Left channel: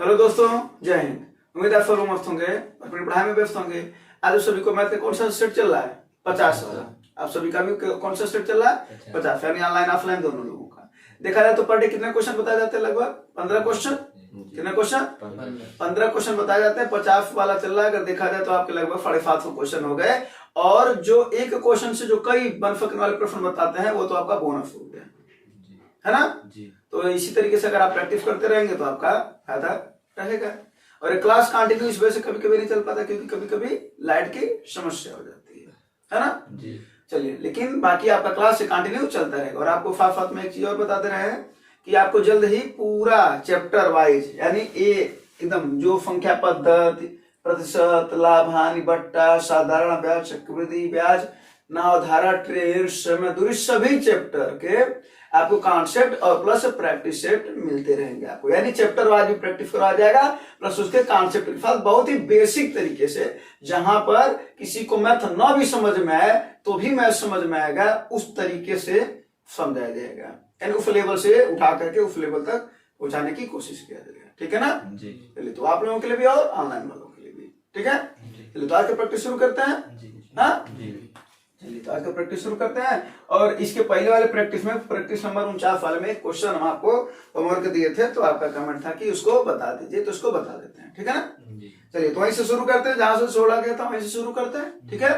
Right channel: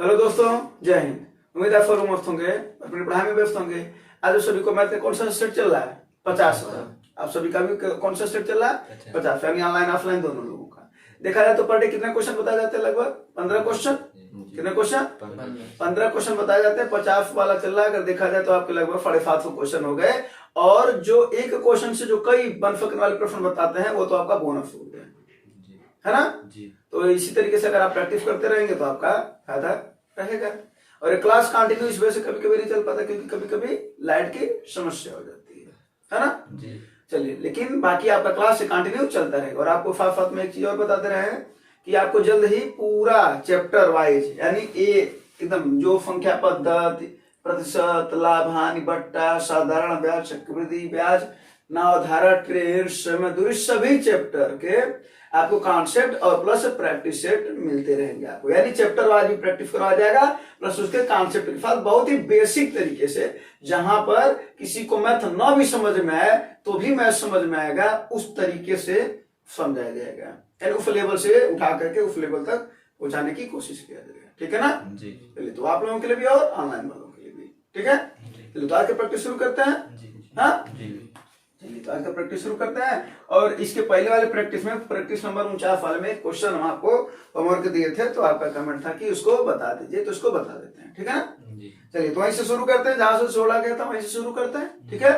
Hello दोस्तों, जय हिंद। उम्मीद आप सब मस्त होंगे, अपनी पढ़ाई में व्यस्त होंगे। आज आप सभी को मैथ का कौन सा सेट चल रहा है? 50 वाला। आप सभी का भी कौन सा सेट चल रहा है? 50, यानी ऑनलाइन ऑफलाइन दोनों लोगों का। देखा जाए तो पर डे कितने क्वेश्चन बताए जाते हैं? लगभग 15 क्वेश्चन। कितने क्वेश्चन? 15 क्वेश्चन बताए जाते हैं। 50 वाला चल रहा है। अगर देखा जाए तो आपके लगभग 750 क्वेश्चन हो गए। और जो एक क्वेश्चन से जो कई बन सकने वाले प्रश्न बताते हैं वो तो आपका बोनस हो गया, है ना जी। तो इसी तरीके से अगर आप प्रैक्टिस करते रहेंगे तो आपका फायदा रहेगा। और ये क्लास कंटिन्यू इस वजह से कभी कभी नहीं चल पाता क्योंकि कभी कभी लाइट की समस्या हो जाती है ना जी। चलिए, लेकिन बाकी आपका क्लास से कंटिन्यू चलता रहेगा। और आपको साथ साथ में एक चीज और बताते रहे कि आपको जल्द ही पूरा चैप्टर वाइज, यानी एकदम जो संख्या पद्धति, प्रतिशत, लाभ हानि, बट्टा, साधारण ब्याज, चक्रवृद्धि ब्याज, नावधारा, ट्रेड, समय दूरी, सभी चैप्टर के आपको कॉन्सेप्ट और प्लस प्रैक्टिस सेट मिलते रहेंगे आपको। यानी चैप्टर वाइज भी प्रैक्टिस करवाया जाएगा प्लस उसके कॉन्सेप्ट के साथ बहुत ही बेसिक तरीके से। जहां पर किसी को मैथ न भी समझ में आए तो भी मैथ समझ में आएगा, उस तरीके से समझाया जाएगा। यानी उस लेवल से उठा करके उस लेवल तक पहुंचाने की कोशिश किया जाएगा। ठीक है ना जी। चलिए, तो आप लोगों के लिए भी और ऑनलाइन वालों के लिए भी। ठीक है, चलिए तो आज का प्रैक्टिस शुरू करते हैं। हाँ, चलिए तो आज का प्रैक्टिस शुरू करते हैं। और इसके पहले वाले प्रैक्टिस में, प्रैक्टिस नंबर 49 वाले में क्वेश्चन हम आपको होमवर्क दिए थे, तो आपका कमेंट था कि उसको बता दीजिए, तो उसको बता देते हैं। ठीक है ना, चलिए तो वहीं से शुरू करते हैं जहां से 16 गया था वहीं से शुरू करते हैं। ठीक है,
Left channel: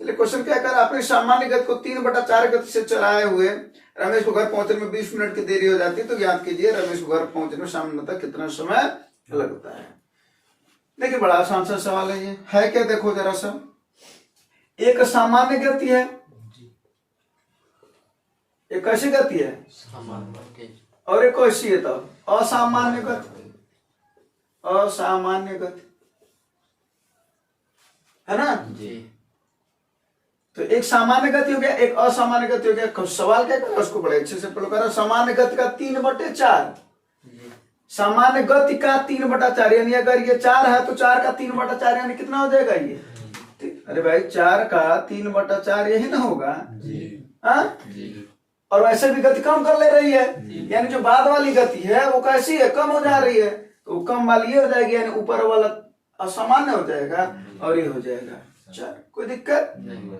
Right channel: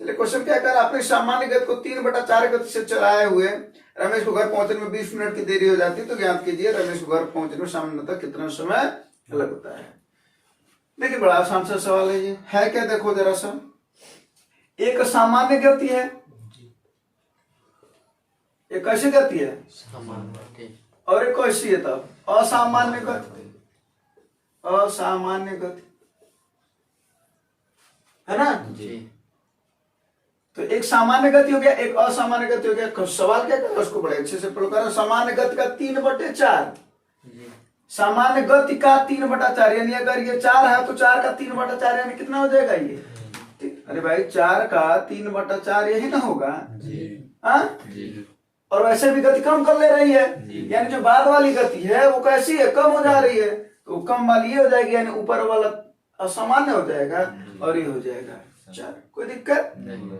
चलिए क्वेश्चन क्या कर, अपने सामान्य गति को 3/4 गति से चलाए हुए रमेश को घर पहुंचने में 20 मिनट की देरी हो जाती है, तो ज्ञात कीजिए रमेश को घर पहुंचने में सामान्यतः कितना समय लगता है। देखिए बड़ा आसान सा सवाल है ये। है क्या, देखो जरा सा, एक सामान्य गति है, एक कैसी गति है? सामान्य। और एक कैसी है तब? असामान्य गति। असामान्य गति, है ना जी। तो एक सामान्य गति हो गया, एक असामान्य गति हो गया। सवाल क्या कर, उसको बड़े अच्छे से पढ़ो। सामान्य गति का 3/4, सामान्य गति का 3/4, यानी अगर ये 4 है तो 4 का 3/4 यानी कितना हो जाएगा ये? अरे भाई 4 का 3/4 यही ना होगा जी। और वैसे भी गति कम कर ले रही है, यानी जो बाद वाली गति है वो कैसी है? कम हो जा रही है, तो कम वाली ये हो जाएगी, यानी ऊपर वाला असामान्य हो जाएगा और ये हो जाएगा 4। कोई दिक्कत नहीं।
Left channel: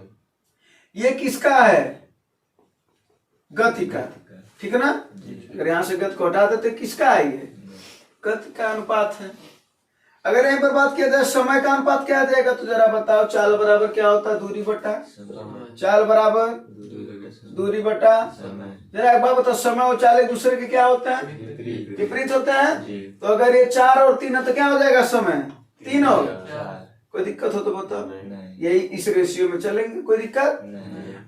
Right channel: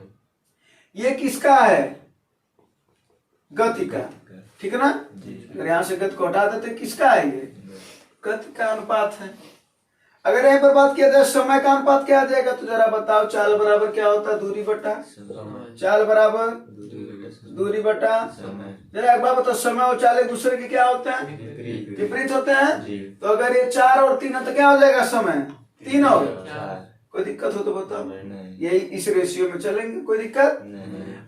ये किसका है? गति का। ठीक है ना, अगर यहाँ से गति को हटा देते किसका है? ये गति का अनुपात है। अगर यहीं पर बात किया जाए समय का अनुपात क्या आ जाएगा, तो जरा बताओ। चाल बराबर क्या होता है? दूरी बटा चाल बराबर दूरी बटा। जरा एक बार बताओ, समय और चाल एक दूसरे के क्या होते हैं? विपरीत होते हैं। तो अगर ये 4 और 3 है तो क्या हो जाएगा? समय 3 और। कोई दिक्कत हो तो बताओ, यही इस रेशियो में चलेंगे, कोई दिक्कत।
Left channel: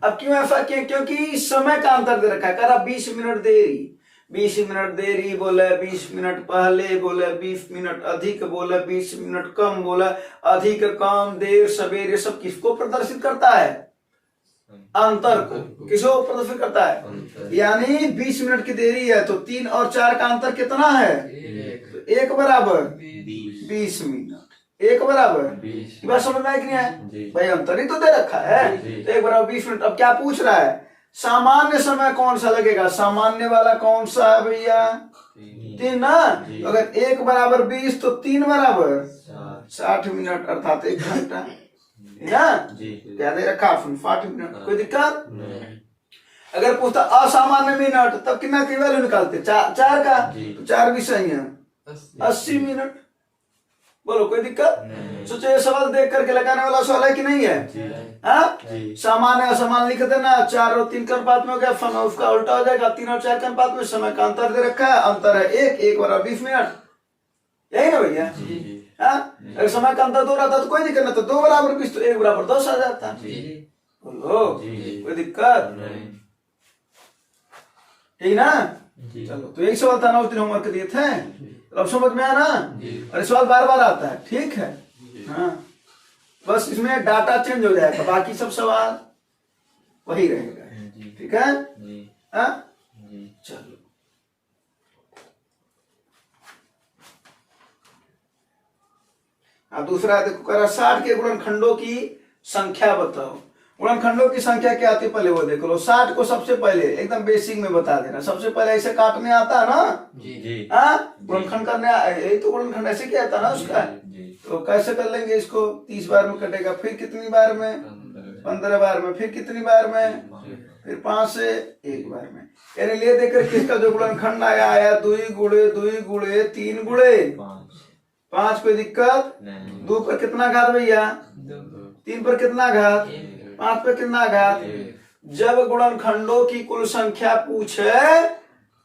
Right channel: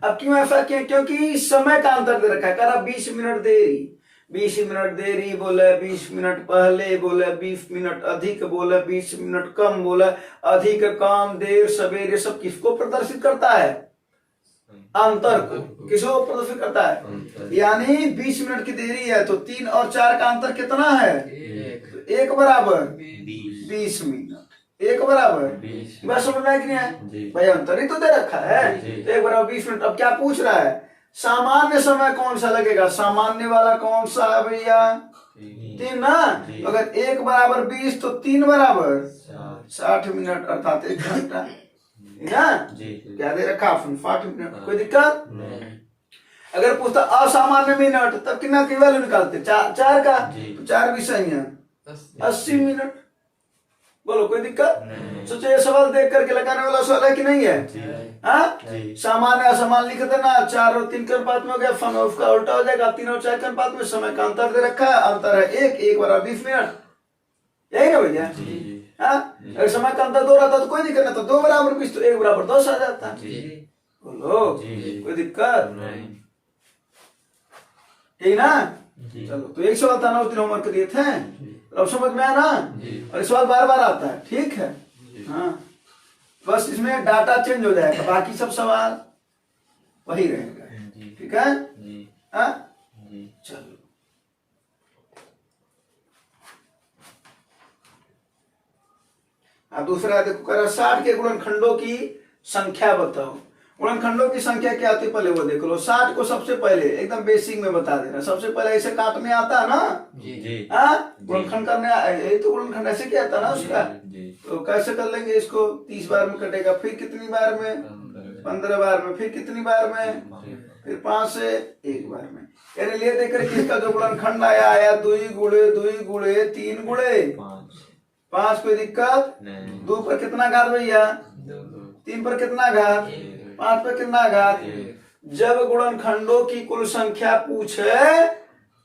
अब क्यों ऐसा किया? क्योंकि समय का अंतर दे रखा है। कहा 20 मिनट देरी, 20 मिनट देरी बोले, 20 मिनट पहले बोले, 20 मिनट अधिक बोले, 20 मिनट कम बोले। अधिक, कम, देर, सवेरे, सब किसको प्रदर्शित करता है? अंतर को। किसको प्रदर्शित करता है? यानी 20 मिनट की देरी है तो 3 और 4 का अंतर कितना है? 1 बराबर 20 मिनट। 1 बराबर 20। बात समझ में आई कि नहीं है? भाई अंतर ही तो दे रखा है, तो 1 बराबर 20 मिनट। अब क्या पूछ रहा है? सामान्य समय कौन सा लगेगा? सामान्य वाला कौन सा है भैया? 3 ना। अगर 1 बराबर 20 तो 3 बराबर 60 मिनट, अर्थात 1 घंटा ना। क्या दे रखा? 60 मिनट। कोई दिक्कत? अगर पूछता असामान्य मिनट, तब कितना की वैल्यू निकालते? 4 का, तो 4 भी सही है, 80 मिनट। बोलो कोई दिक्कत? सोचो ये सवाल देख करके लगाने वाला सवाल है कि नहीं है? हाँ, सामान्य असामान्य लिख देना। 4 और 3 के अनुपात में हो गया, समय उसका उल्टा हो जाएगा। 3 और 4 के अनुपात में समय का अंतर दे रखा है, अंतर है 1 बराबर 20 मिनट। यही ना भैया? हाँ, अगर समय का अंतर 2 रहता तो कोई दिक्कत ना, तो 2 बराबर 20 तो 1 बराबर 10 आ जाता। बोलो कोई दिक्कत? ठीक ना। चलो, तो एक सवाल था ना, उस दिन होमवर्क दिए थे, अब समझ में आया ना? और सवाल बार बार आता है। ठीक है, हाँ, बस इसमें डाटा चेंज हो जाएगा, बाकी सब सवाल वही रहेगा। ठीक है, हाँ, चलो। अब दूसरा देखो, करा 60 के गुणनखंडों की संख्या बताओ। गुणनखंडों की संख्या क्या आती है पहले वो देख लो। 60 को सबसे पहले एकदम बेसिक में बता देना, सबसे पहले ऐसे काटने आता है ना जी। हाँ, गुणनखंड करने यही तो गुणनखंड ऐसे क्या आता है ना उसका। तो कैसे कर लेंगे इसको, 30 बार में कटेगा, फिर कितनी बार में, 15 बार में, फिर कितनी बार में, फिर 5 से 1 बार में। यानी ले देकर किसका जो गुणनखंड आया 2 गुणे 2 गुणे 3 गुणे 5, कोई दिक्कत 2 पर कितना घात भैया, 3 पर कितना घात, 5 पर कितना घात। जब गुणनखंडों की कुल संख्या पूछे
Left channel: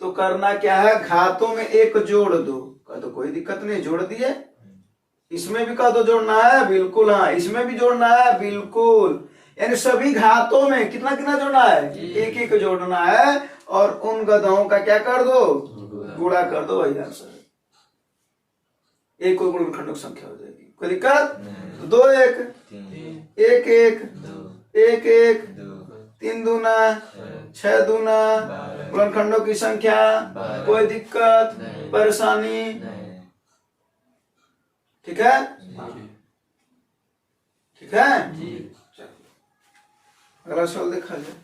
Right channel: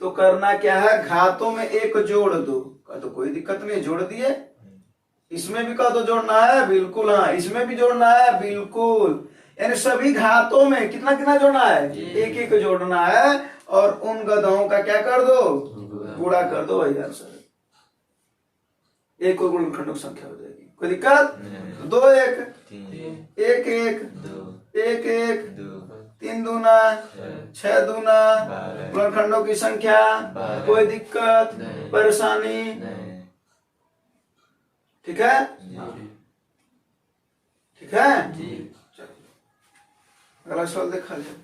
तो करना क्या है, घातों में 1 जोड़ दो। तो कोई दिक्कत नहीं, जोड़ दिए। इसमें भी कह दो जोड़ना है, बिल्कुल हाँ, इसमें भी जोड़ना है, बिल्कुल। यानी सभी घातों में कितना कितना जोड़ना है, 1 1 जोड़ना है। और उन गधों का क्या कर दो, गुणा कर दो भैया सर, एक और गुणनखंडों की संख्या हो जाएगी, कोई दिक्कत। 2 1 1 1 1 1 3 दूना 6 दूना, गुणनखंडों की संख्या, कोई दिक्कत परेशानी, ठीक है, ठीक है। अगला सवाल देखा जाए।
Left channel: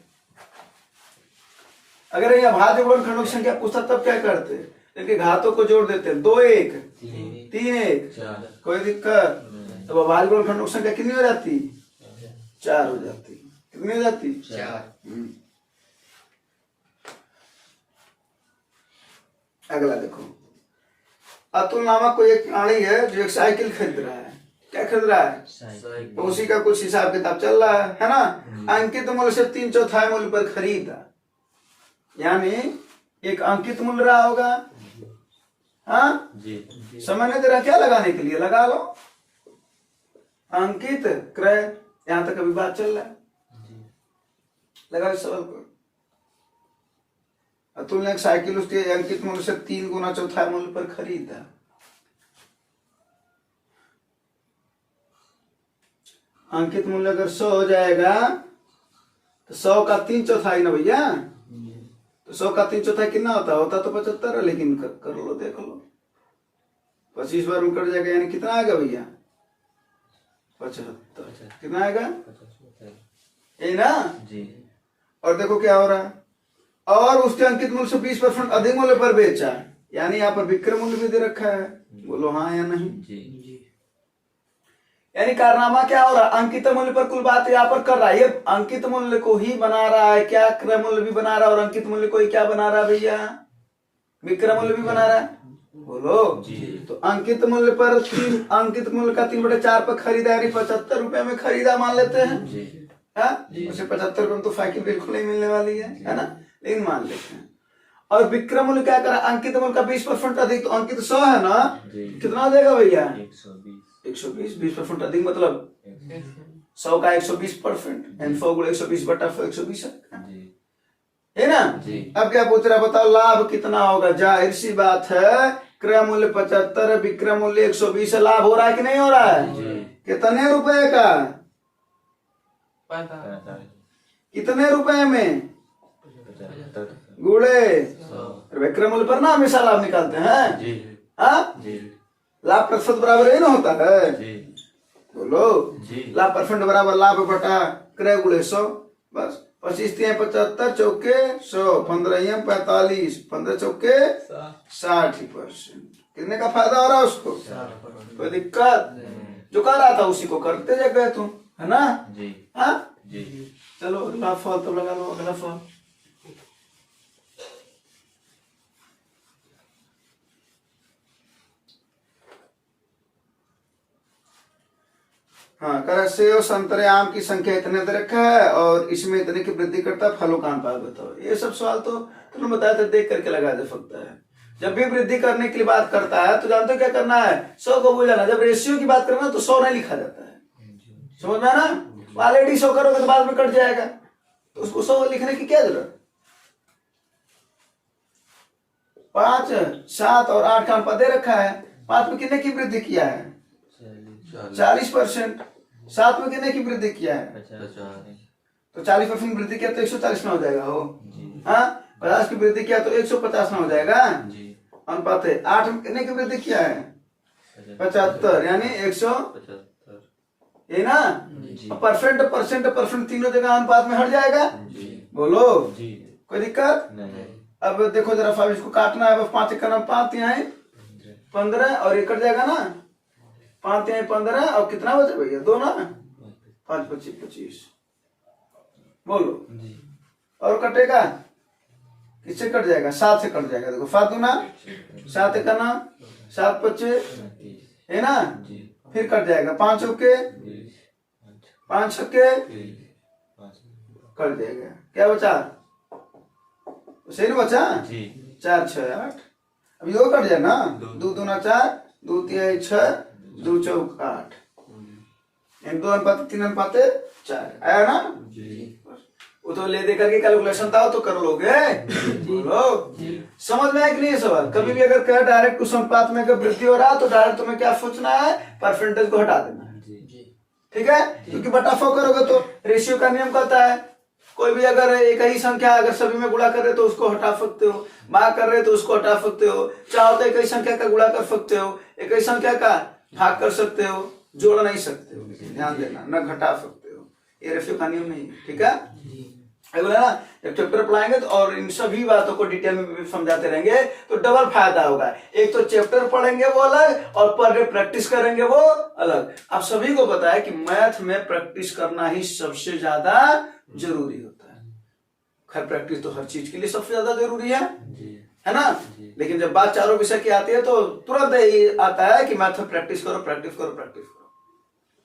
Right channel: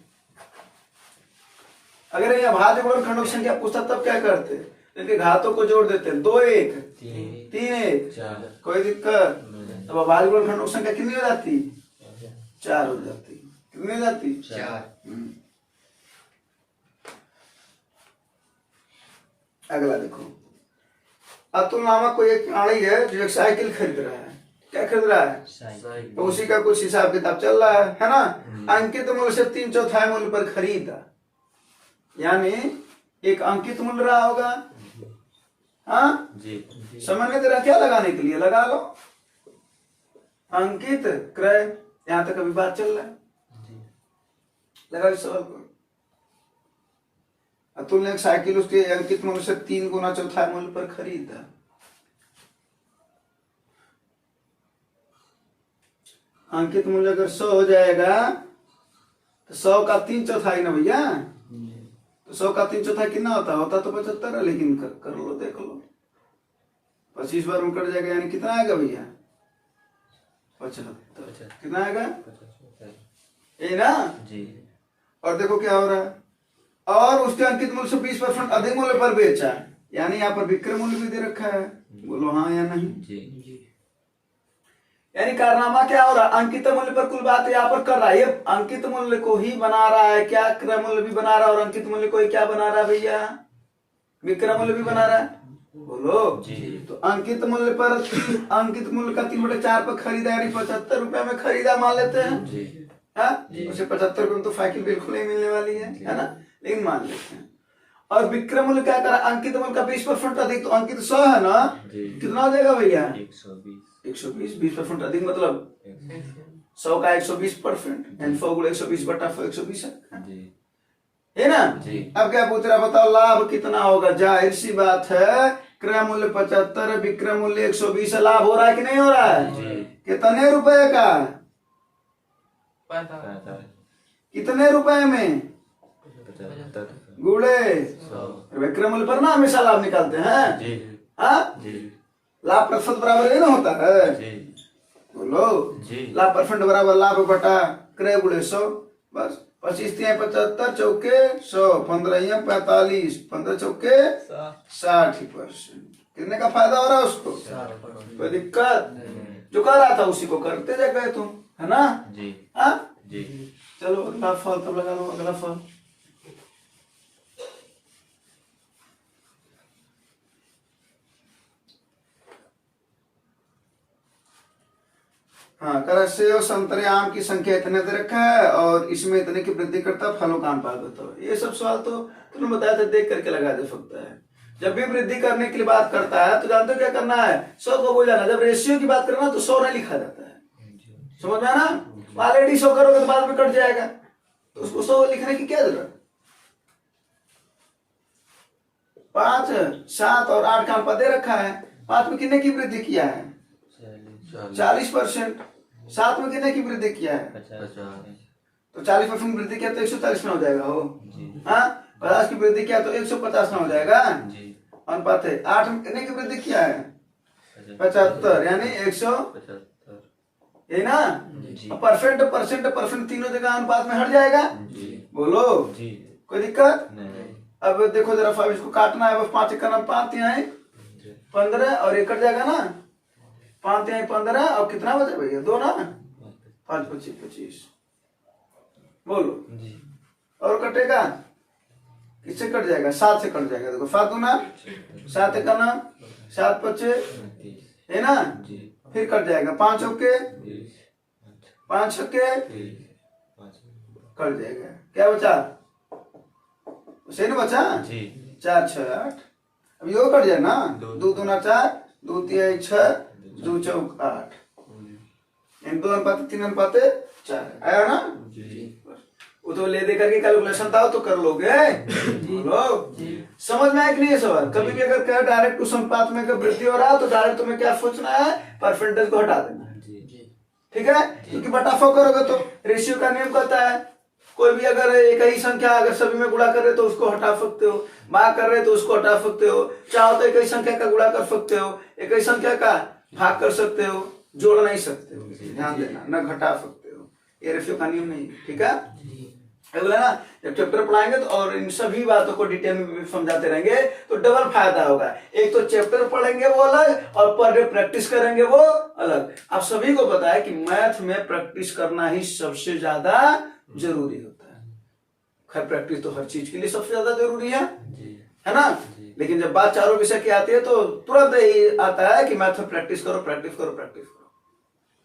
अगर ये अभाज्य गुणनखंडों की संख्या पूछता तब क्या करते, इनके घातों को जोड़ देते, 2 1 3 1, कोई दिक्कत। तब अभाज्य गुणनखंडों की संख्या कितनी हो जाती, 4 हो जाती, कितनी हो जाती, 4। अगला देखो, अतुल नामक कोई एक प्राणी है जो एक साइकिल खरीद रहा है। क्या खरीद रहा है, तो उसी का कुछ हिसाब किताब चल रहा है ना। अंकित मूल्य से 3/4 मूल्य पर खरीदा, यानी एक अंकित मूल्य रहा होगा, हाँ समय नहीं दे रहा, क्या लगाने के लिए लगा लो, अंकित क्रय, यहां तक अभी बात चल रहा है, लगा इस सवाल को। अतुल ने एक साइकिल उसके अंकित मूल्य से 3 गुना चौथाई मूल्य पर खरीदा। अंकित मूल्य अगर 100 हो जाएगा तो 100 का 3/4 ना भैया, तो 100 का 3/4 कितना होता तो 75 है, लेकिन कर लो देख लो, 25 बार में कट जाएगा, यानी कितना आएगा भैया, 75। कितना आएगा, ये ना जी। और देखो क्या हो रहा है, और उसके अंकित मूल्य से 20% अधिक मूल्य पर बेचा, यानी यहाँ पर विक्रय मूल्य भी दे रखा है, बोलो हाँ या नहीं जी। यानी कारनामा क्या हो रहा है, अंकित मूल्य पर कुल बात यहाँ पर कर रहा है, ये अंकित मूल्य को ही बना रहा है, क्या क्रय मूल्य भी बना रहा है, और अंकित मूल्य को ही क्या बना रहा है भैया, विक्रय मूल्य भी बना रहा है, बोलो जी। तो अंकित मूल्य पर अंकित मूल्य का 3/4 पर खरीदा, यानी 75 रुपए में खरीदा मान लेते हैं जी। हाँ, उसे 75 रुपए में तो साइकिल बिल्कुल नहीं मिलने वाली है ना, लेकिन मान लेते हैं। और विक्रय मूल्य क्या करा, अंकित मूल्य का 20% अधिक, तो अंकित 100 है ना, कितना हो जाएगा भैया, 120, 20% अधिक मतलब 100 का 120%, 100 गुणे 120 बटा 120 है ना जी। अब क्या पूछ रहा बताओ, लाभ कितना होगा, जाहिर सी बात है, क्रय मूल्य 75, विक्रय मूल्य 120, लाभ हो रहा है कि नहीं हो रहा है, कितने रुपए का, कितने रुपए में, गुणे विक्रय मूल्य पर ना हमेशा लाभ निकालते हैं, हाँ लाभ प्रतिशत बराबर ही ना होता है, बोलो लाभ परसेंट बराबर लाभ बटा क्रय गुणे 100, बस 25 3 75 चौके 100, 15 45, 15 चौके 60%, कितने का फायदा हो रहा है उसको, कोई दिक्कत, जो कर रहा था उसी को करते जा गए तुम, है ना जी। हाँ जी, चलो अगला फल तब लगा लो, अगला फल। हाँ, कर सेव संतरे आम की संख्या इतने दे रखा है और इसमें इतने की वृद्धि करता है, फलों का अनुपात बताओ। ये सब सवाल तो तुमने बताया था, देख करके लगा दे सकता है। जब भी वृद्धि करने के लिए बात करता है तो जानते हो क्या करना है, 100 को बुझाना। जब रेशियो की बात करना तो 100 नहीं लिखा जाता है, समझ में ना, ऑलरेडी 100 करोगे तो बाद में कट जाएगा, तो उसको 100 लिखने की क्या जरूरत। 5 7 और 8 का अनुपात दे रखा है, 5 में कितने की वृद्धि किया है, 40%, 7 में कितने की वृद्धि किया है, तो 40% वृद्धि किया तो 140 में हो जाएगा हो, हाँ 50 की वृद्धि किया तो 150 में हो जाएगा, अनुपात है। 8 में कितने की वृद्धि किया है, 75, यानी 175, ये ना, परसेंट परसेंट परसेंट तीनों जगह अनुपात में हट जाएगा। बोलो कोई दिक्कत नहीं। अब देखो जरा 5 इसको काटना है, 5 का नाम 5 यहाँ 15 और ये कट जाएगा ना, 5 यहाँ 15 और कितना बचे भैया 2 ना, 5 25 25। बोलो और कटेगा किससे कट जाएगा, 7 से कट जाएगा। देखो 7 दूना 7 का नाम 7 25 है ना, फिर कट जाएगा 5 चौके 5 छक्के कट जाएगा। क्या बचा, सही नहीं बचा, 4 6 8। अब ये कट जाए ना, 2 दूना 4 2 3 6 2 चौक 8, 2 अनुपात 3 अनुपात 4 आया ना। वो तो ले दे करके कैलकुलेशन था तो कर लोगे। बोलो समझ में आया कि नहीं सवाल। कभी भी अगर कहे डायरेक्ट कुछ अनुपात में अगर वृद्धि हो रहा तो डायरेक्ट तुम्हें क्या सोचना है, परसेंटेज को हटा देना है। ठीक है, क्योंकि बटाफो करोगे तो रेशियो का नियम कहता है कोई भी अगर एक ही संख्या अगर सभी में गुणा कर रहे तो उसको हटा सकते हो, भाग कर रहे तो उसको हटा सकते हो, चाहो तो एक ही संख्या का गुणा कर सकते हो, एक ही संख्या का भाग कर सकते हो, जोड़ नहीं सकते हो। ध्यान देना, न घटा सकते हो, ये रेशियो का नियम नहीं। ठीक है, बोला ना जब चैप्टर पढ़ाएंगे तो और इन सभी बातों को डिटेल में भी समझाते रहेंगे तो डबल फायदा होगा। एक तो चैप्टर पढ़ेंगे वो अलग और पर डे प्रैक्टिस करेंगे वो अलग। आप सभी को पता है कि मैथ में प्रैक्टिस करना ही सबसे ज्यादा जरूरी होता है। खैर प्रैक्टिस तो हर चीज के लिए सबसे ज्यादा जरूरी है ना। लेकिन जब बात चारों विषय की आती है तो तुरंत ही आता है कि मैथ में प्रैक्टिस करो प्रैक्टिस करो प्रैक्टिस करो।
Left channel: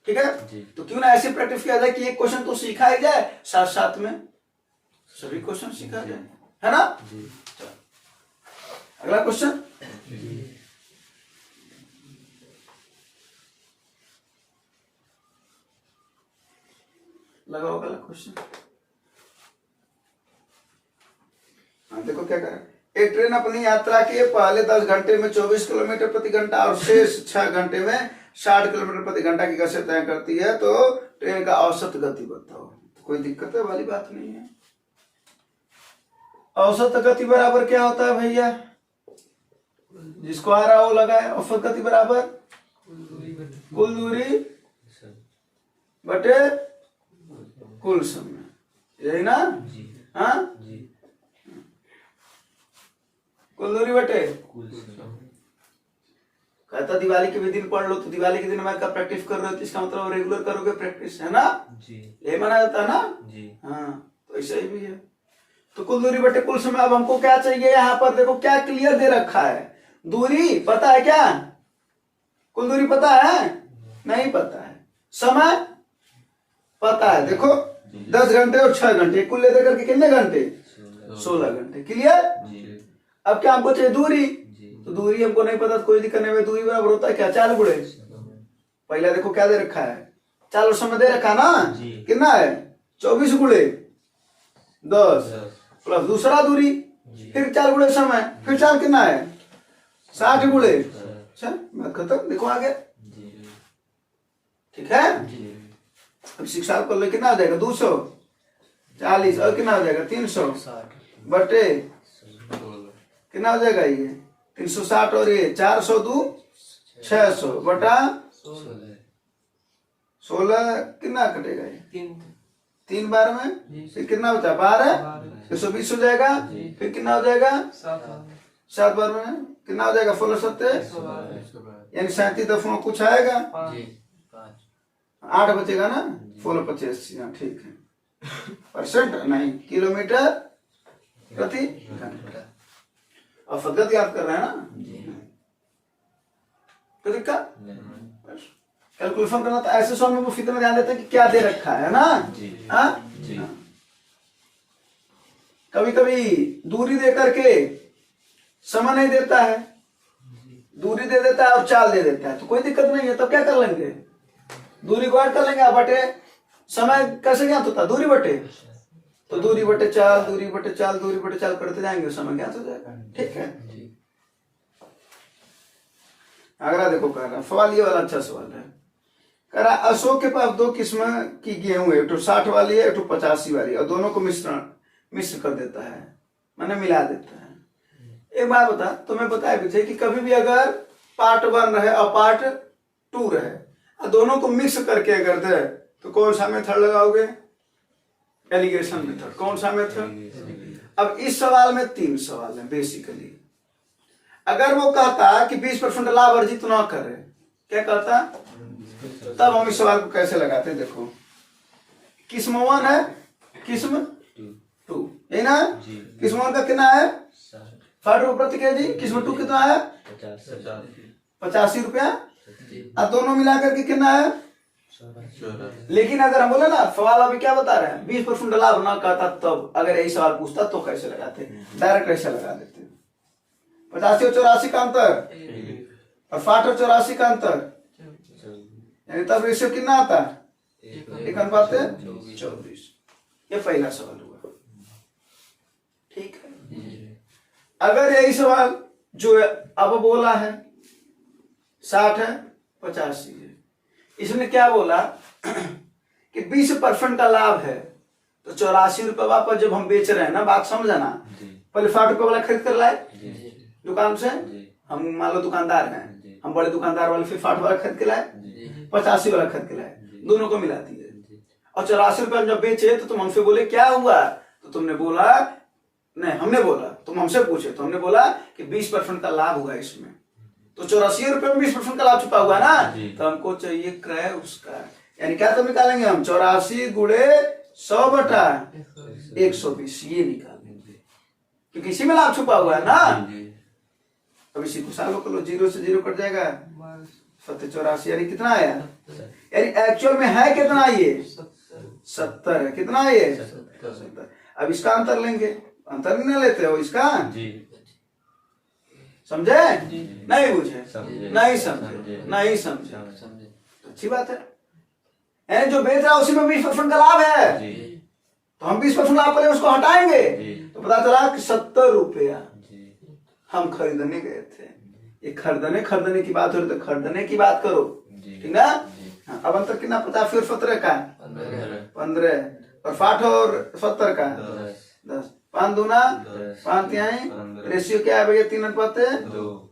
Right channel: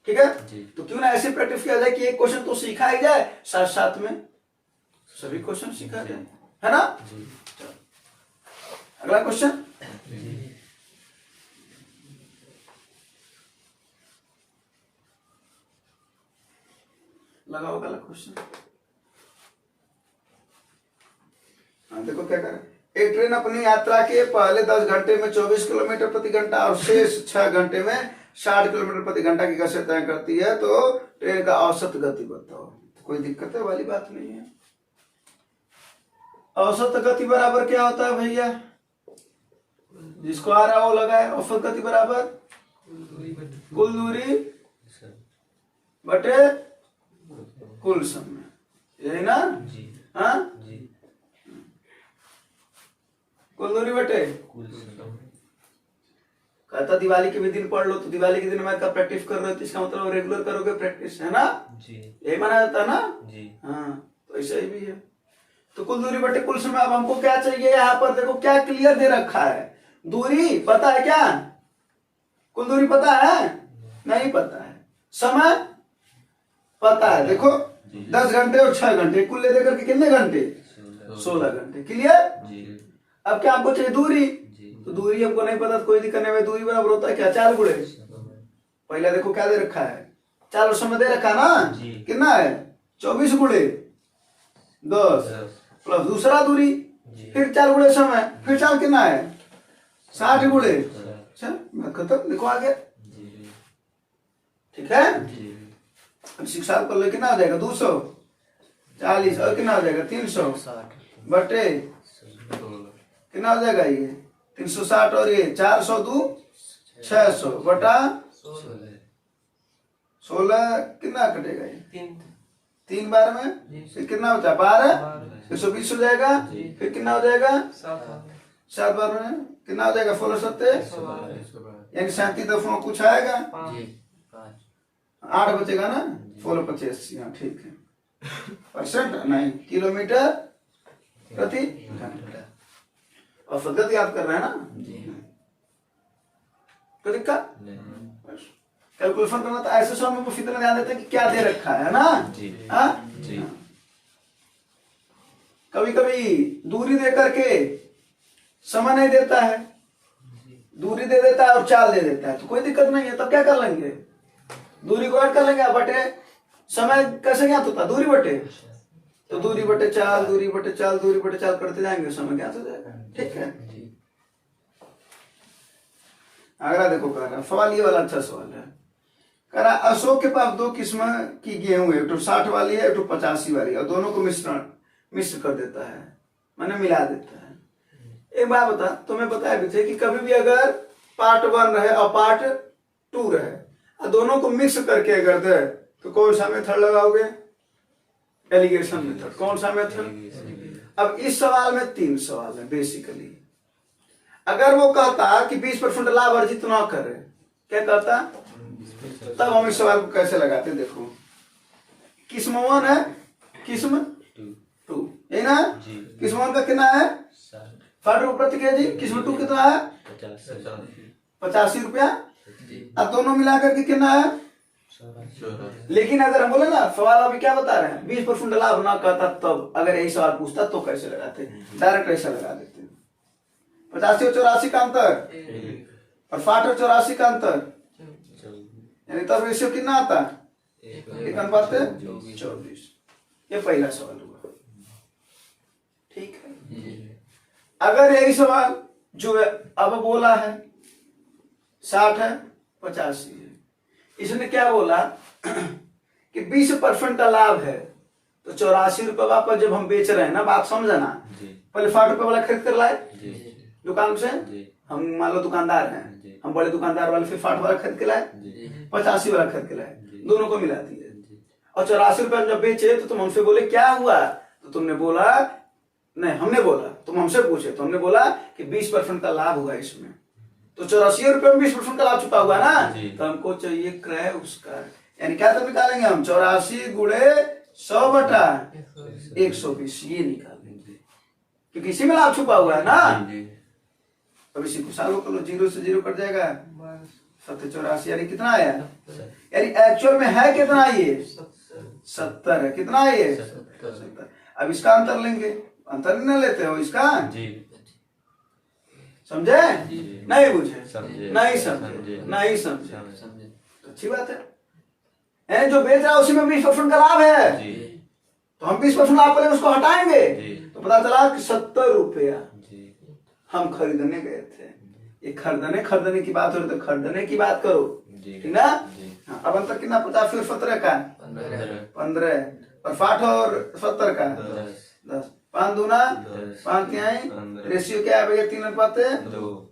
ठीक है, तो क्यों ना ऐसी प्रैक्टिस किया जाए कि एक क्वेश्चन तो सीखा ही जाए, साथ साथ में सभी क्वेश्चन सीखा जाए, है ना। अगला क्वेश्चन, लगाओ अगला क्वेश्चन। देखो क्या करें, एक ट्रेन अपनी यात्रा के पहले 10 घंटे में 24 किलोमीटर प्रति घंटा और शेष 6 घंटे में 60 किलोमीटर प्रति घंटा की गति तय करती है, तो ट्रेन का औसत गति बताओ। कोई दिक्कत वाली बात नहीं है। औसत गति बराबर क्या होता है भैया, जिसको आ रहा हो लगाए। औसत गति बराबर कुल दूरी बटे कुल समय, यही ना। हाँ, कुल दूरी बटे कहता दिवाली के भी दिन पढ़ लो तो दिवाली के दिन मैं का प्रैक्टिस कर रहे हो तो इसका मतलब रेगुलर करोगे प्रैक्टिस, है ना। यही माना जाता है ना। हाँ, तो ऐसा ही भी है। तो कुल दूरी बटे कुल समय। अब हमको क्या चाहिए, यहाँ पर देखो क्या क्लियर दे रखा है, दूरी पता है क्या, कुल दूरी पता है नहीं पता है, समय पता है। देखो 10 घंटे और 6 घंटे कुल ले देकर के कितने घंटे, 16 घंटे। क्लियर। अब क्या हमको चाहिए दूरी, तो दूरी हमको नहीं पता तो कोई दिक्कत नहीं। दूरी बराबर होता है क्या, 4 गुणे पहले देखो क्या दे रखा है, 4 समय दे रखा ना, कितना है 24 गुणे 10 प्लस दूसरा दूरी, फिर 4 गुणे समय, फिर 4 कितना है 60 गुणे। चल मैं खत्म, देखो आगे। ठीक है, अब 60 कर लो कितना हो जाएगा 240 और कितना हो जाएगा 300 बटे कितना हो जाएगा ये 360 और ये 400 2 600 बटा 16 कितना कटेगा ये 3 बार में, फिर कितना बचा 12 120 हो जाएगा, फिर कितना हो जाएगा 7 बार में कितना हो जाएगा 16 सत्ते यानी 37 कुछ आएगा, 8 बचेगा ना 16 85। हाँ ठीक है, परसेंट नहीं किलोमीटर प्रति घंटा। और फगत याद कर रहे हैं ना, तो दिक्कत कैलकुलेशन करना तो ऐसे स्वामी को फिर ध्यान देते हैं कि क्या दे रखा है ना। हाँ, कभी कभी दूरी दे करके समय नहीं देता है, दूरी दे देता है और चाल दे देता है, तो कोई दिक्कत नहीं है। तब क्या कर लेंगे, दूरी को ऐड कर लेंगे, बटे समय कैसे ज्ञात होता है दूरी बटे, तो दूरी बटे चाल दूरी बटे चाल दूरी बटे चाल करते जाएंगे समय ज्ञात हो जाएगा। ठीक है, अगला देखो कह रहा सवाल, ये वाला अच्छा सवाल है। कह रहा अशोक के पास 2 किस्म की गेहूं है, एक तो 60 वाली है एक तो 85 वाली, और दोनों को मिश्र कर देता है, मैंने मिला देता है। एक बात बता, तुम्हें बताया भी थे कि कभी भी अगर पार्ट 1 रहे और पार्ट 2 रहे, और दोनों को मिक्स करके अगर दे तो कौन सा मेथड लगाओगे? Alligation method. कौन सा मेथड? अब इस सवाल में 3 सवाल है बेसिकली। अगर वो कहता कि 20% लाभ अर्जित ना करे, क्या कहता? तब हम इस सवाल को कैसे लगाते? देखो, किस्म 1 है, किस्म 2, यही ना? किस्म 1 का कितना है? 60 रुपये प्रति केजी। किस्म 2 कितना है? 85 रुपया। अब दोनों मिलाकर के कितना है? लेकिन अगर हम बोले ना, सवाल अभी क्या बता रहे हैं? 20% लाभ ना कहता तब अगर यही सवाल पूछता तो कैसे लगाते? डायरेक्ट ऐसा लगा देते। 85 और 84 का अंतर और 60 और 84 का अंतर, यानी तब रेशियो कितना आता? 1:24। ये पहला सवाल हुआ। ठीक है। अगर यही सवाल जो अब बोला है 60 है 85 है, इसने क्या बोला कि 20% का लाभ है, तो 84 रुपये वापस जब हम बेच रहे हैं ना, बात समझना, पहले 60 रुपये वाला खरीद कर लाए दुकान से। हम मान लो दुकानदार हैं, हम बड़े दुकानदार वाले, फिर 60 वाला खरीद के लाए, 85 वाला खरीद के लाए, दोनों को मिला दिए। और 84 रुपये जब बेचे तो तुम हमसे बोले क्या हुआ? तो तुमने बोला, नहीं हमने बोला, तुम हमसे पूछे तो हमने बोला कि 20% का लाभ हुआ इसमें, तो 84 रुपये में 20% का लाभ छुपा हुआ ना, तो हमको चाहिए क्रय उसका। यानी क्या तब निकालेंगे हम? 84 गुणे 100 बटा 120, ये निकालेंगे, क्योंकि इसी में लाभ छुपा हुआ है ना। अब इसी को सालों को 0 से 0 कट जाएगा, 784, यानी कितना आया? यानी एक्चुअल में है कितना? ये 70 है। कितना है ये? 70। अब इसका अंतर लेंगे, अंतर नहीं लेते हो इसका? समझे? नहीं बुझे? नहीं समझे? नहीं समझे? अच्छी बात है। जो बेच रहा है उसी में 20% का लाभ है, तो हम 20% लाभ पहले उसको हटाएंगे, तो पता चला कि 70 रुपया हम खरीदने गए थे। ये खरीदने की बात हो रही तो खरीदने की बात करो, ठीक ना? अब अंतर कितना? 50 और 17 का 15, और 60 और 70 का 10। 5 दूना 5 तिहाई। रेशियो क्या है भैया? 3:2।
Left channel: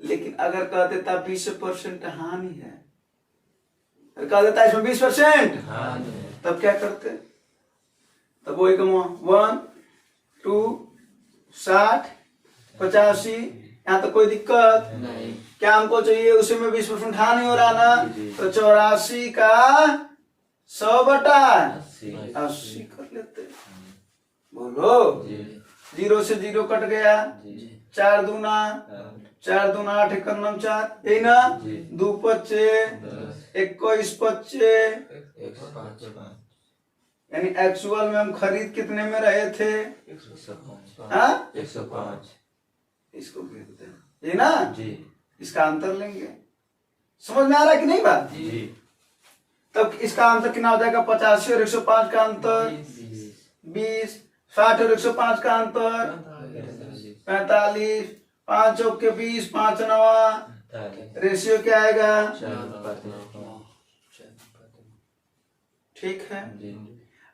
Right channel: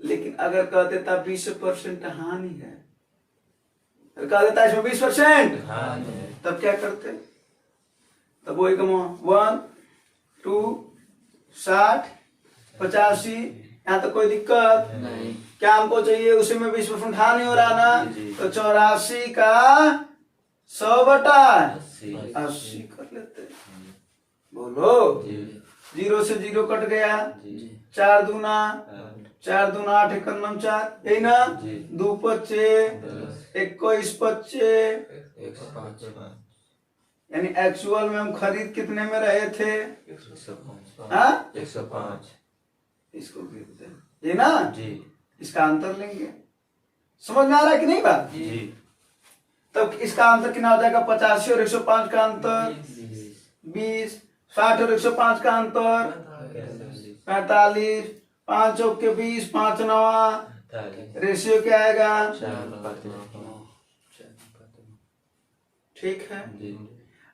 लेकिन अगर कह देता 20% हानि है, कह देता इसमें 20%, तब क्या करते? तब वही कम 1, 2, 60, 85, यहाँ तो कोई दिक्कत नहीं। क्या हमको चाहिए? उसी में 20% हानि हो रहा ना, तो 84 का 100 बटा 80 कर लेते। बोलो, 0 से 0 कट गया, 4 दूना 8, 1 9 4, यही ना? 2 25, 21 25, यानी एक्चुअल में हम खरीद कितने में रहे थे? 105। इसको खरीदते हैं, ये ना? इसका अंतर लेंगे। समझ में आ रहा है कि नहीं बात? तब इसका अंतर कितना हो जाएगा? 85 और 105 का अंतर 20, 60 और 105 का अंतर 45, 5 चौक के 20, 5 9, रेशियो क्या आएगा? ठीक है।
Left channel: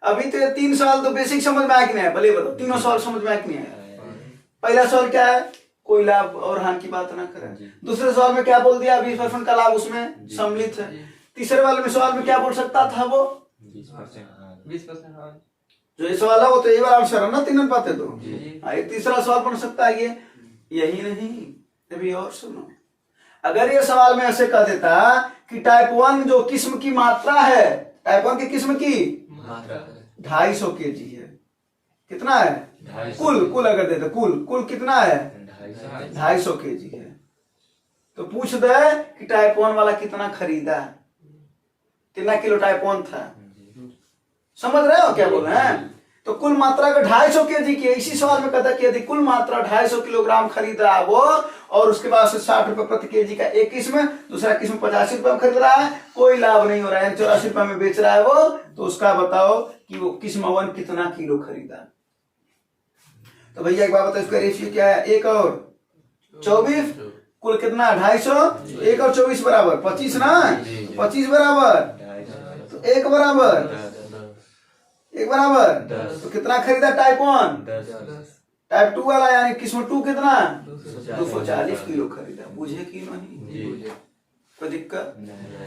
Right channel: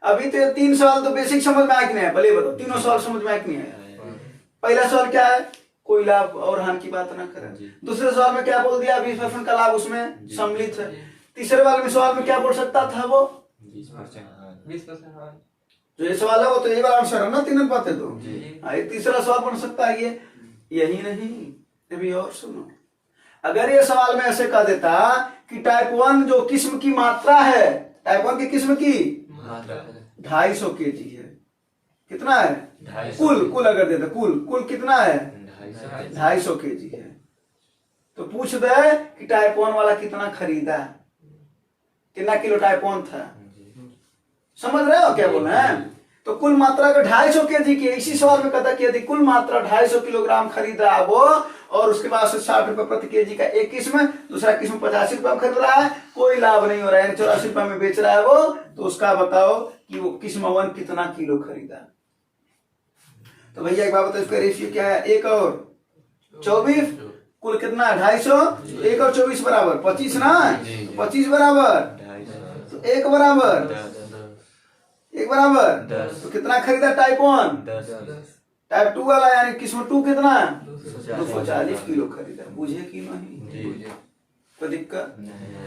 अभी तो 3 सवाल तो बेसिक समझ में आया कि नहीं है? पहले बताओ, तीनों सवाल समझ में आया कि नहीं आया? पहला सवाल क्या है? कोई लाभ और हानि की बात ना करें। दूसरे सवाल में क्या बोल दिया? 20% का लाभ उसमें सम्मिलित है। तीसरे वाले सवाल में क्या बोल सकता था वो? 20%। जो ये सवाल है वो तो ये वाला आंसर है ना, 3:2। तो एक तीसरा सवाल बन सकता है ये। यही नहीं, अभी और सुनो। अगर ये सवाल में ऐसे कह देता कि टाइप 1 जो किस्म की मात्रा है, टाइप 1 की किस्म की 250 kg है। कितना है? कुल अगर देता, कुल कितना है? 250 kg है। तो पूछ दे कि टाइप 1 वाला कितना खरीदा, कितना किलो टाइप 1 था। समझ रहे हो क्या बोल रहे हैं? तो कुल मात्रा अगर 250 kg की, इसी सवाल में कहता कि यदि कुल मात्रा 250 किलोग्राम खरीदा वो, और उसके पास 60 रुपए प्रति केजी का एक किस्म, दूसरा किस्म 85 रुपए में खरीद रहा है, कोई लाभ नहीं हो रहा है, 84 रुपए में बेच रहा है वो, तो उसका बताओ कि वो किस्म 1 कितना किलो खरीदा। तो भैया एक बात बताओ, इसका रेशियो क्या है? 1 और 24, कुल कितना? 250, 1 और 24 बराबर 25 ना? 25 बराबर, तो 1 बराबर, तो कितना खरीदा टाइप 1? टाइप 2 वाला यानी किस्म 2 कितना? 240 किलो खरीदा। बुझे कि नहीं? कोई दिक्कत?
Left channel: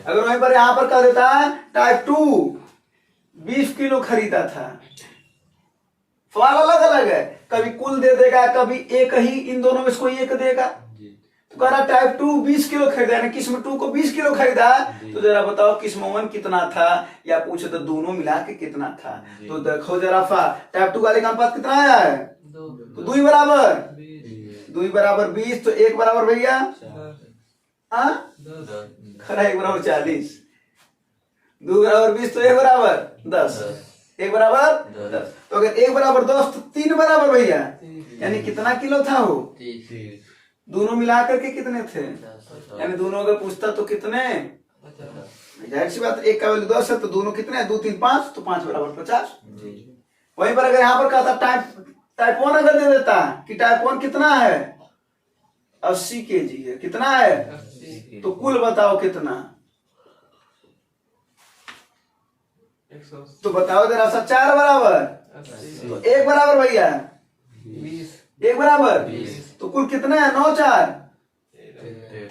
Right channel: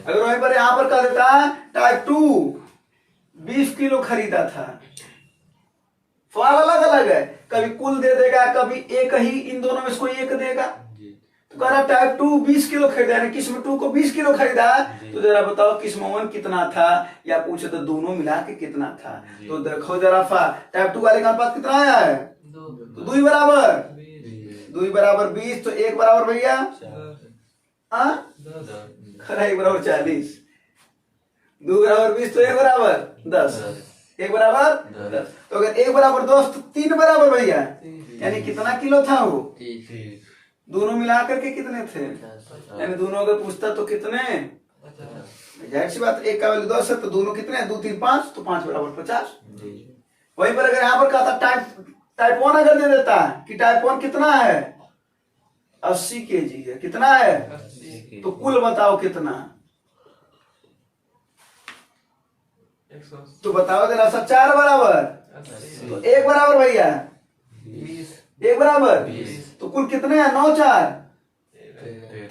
अगर वहीं पर यहाँ पर कह देता है टाइप 2 20 किलो खरीदा था, सवाल अलग अलग है, कभी कुल दे देगा, कभी एक ही, इन दोनों में से कोई एक देगा। तो कह रहा टाइप 2 20 किलो खरीदा, यानी किस्म 2 को 20 किलो खरीदा, तो जरा बताओ किस्म 1 कितना था, या पूछे तो दोनों मिला के कितना था। तो देखो जरा टाइप 2 वाले का अनुपात कितना आया है, तो 2 बराबर 20, तो 1 बराबर भैया 1 बराबर 40, 2 बराबर 20, तो 1 बराबर 10, 1 बराबर 10। तो अगर 1 बराबर 10 तो 3 बराबर भैया, यानी कितना किलो था वो, दोनों मिलाकर के कितने थे, यानी दोनों अगर पूछता तो कितने, जाहिर सी बात, 1 का वैल्यू 10 है, तो दोनों कितने, 2 3 5, तो 5 बराबर 50। वहीं पर अगर यहाँ पर कहता टाइप 1 अगर दे देता कि टाइप 1 कितना है 80 kg है, कितना है, तो कुल बताओ कितना, तो बताओ जरा सा, 4 बराबर, तो 1 बराबर भैया 1 बराबर, तो कुल कितना है, 9 4